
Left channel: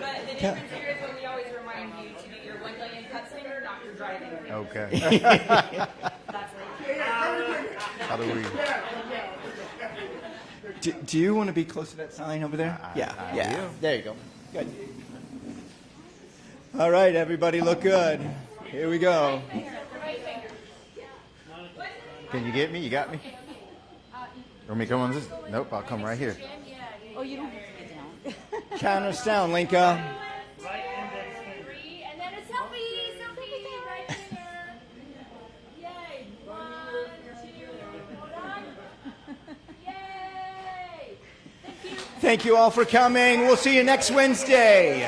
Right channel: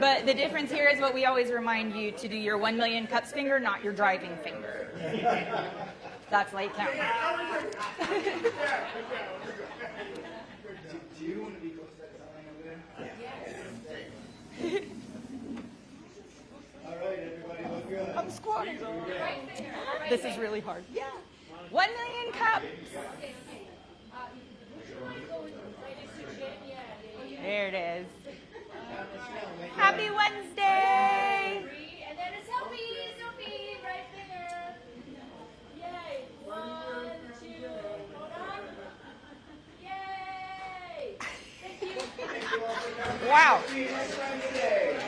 But the difference here is what we always remind you to do your 1 million cups finger, not your driving finger. Okay. That's late now. Do you want to be close to that sign over there? Yeah. There you go. Good. All right, everybody, look good. Here we go. This is really hard. 1 million Can cups. you get me? You got me? Want me to come on this? Nope, I'll come right here. Oh, there it is. Count us down, Linka. Happy Wednesday. And then a selfie right there. Yay. 1, 2, hold on. Yay. Thank you. Thank you all for coming. Wow. We'll see you next Wednesday.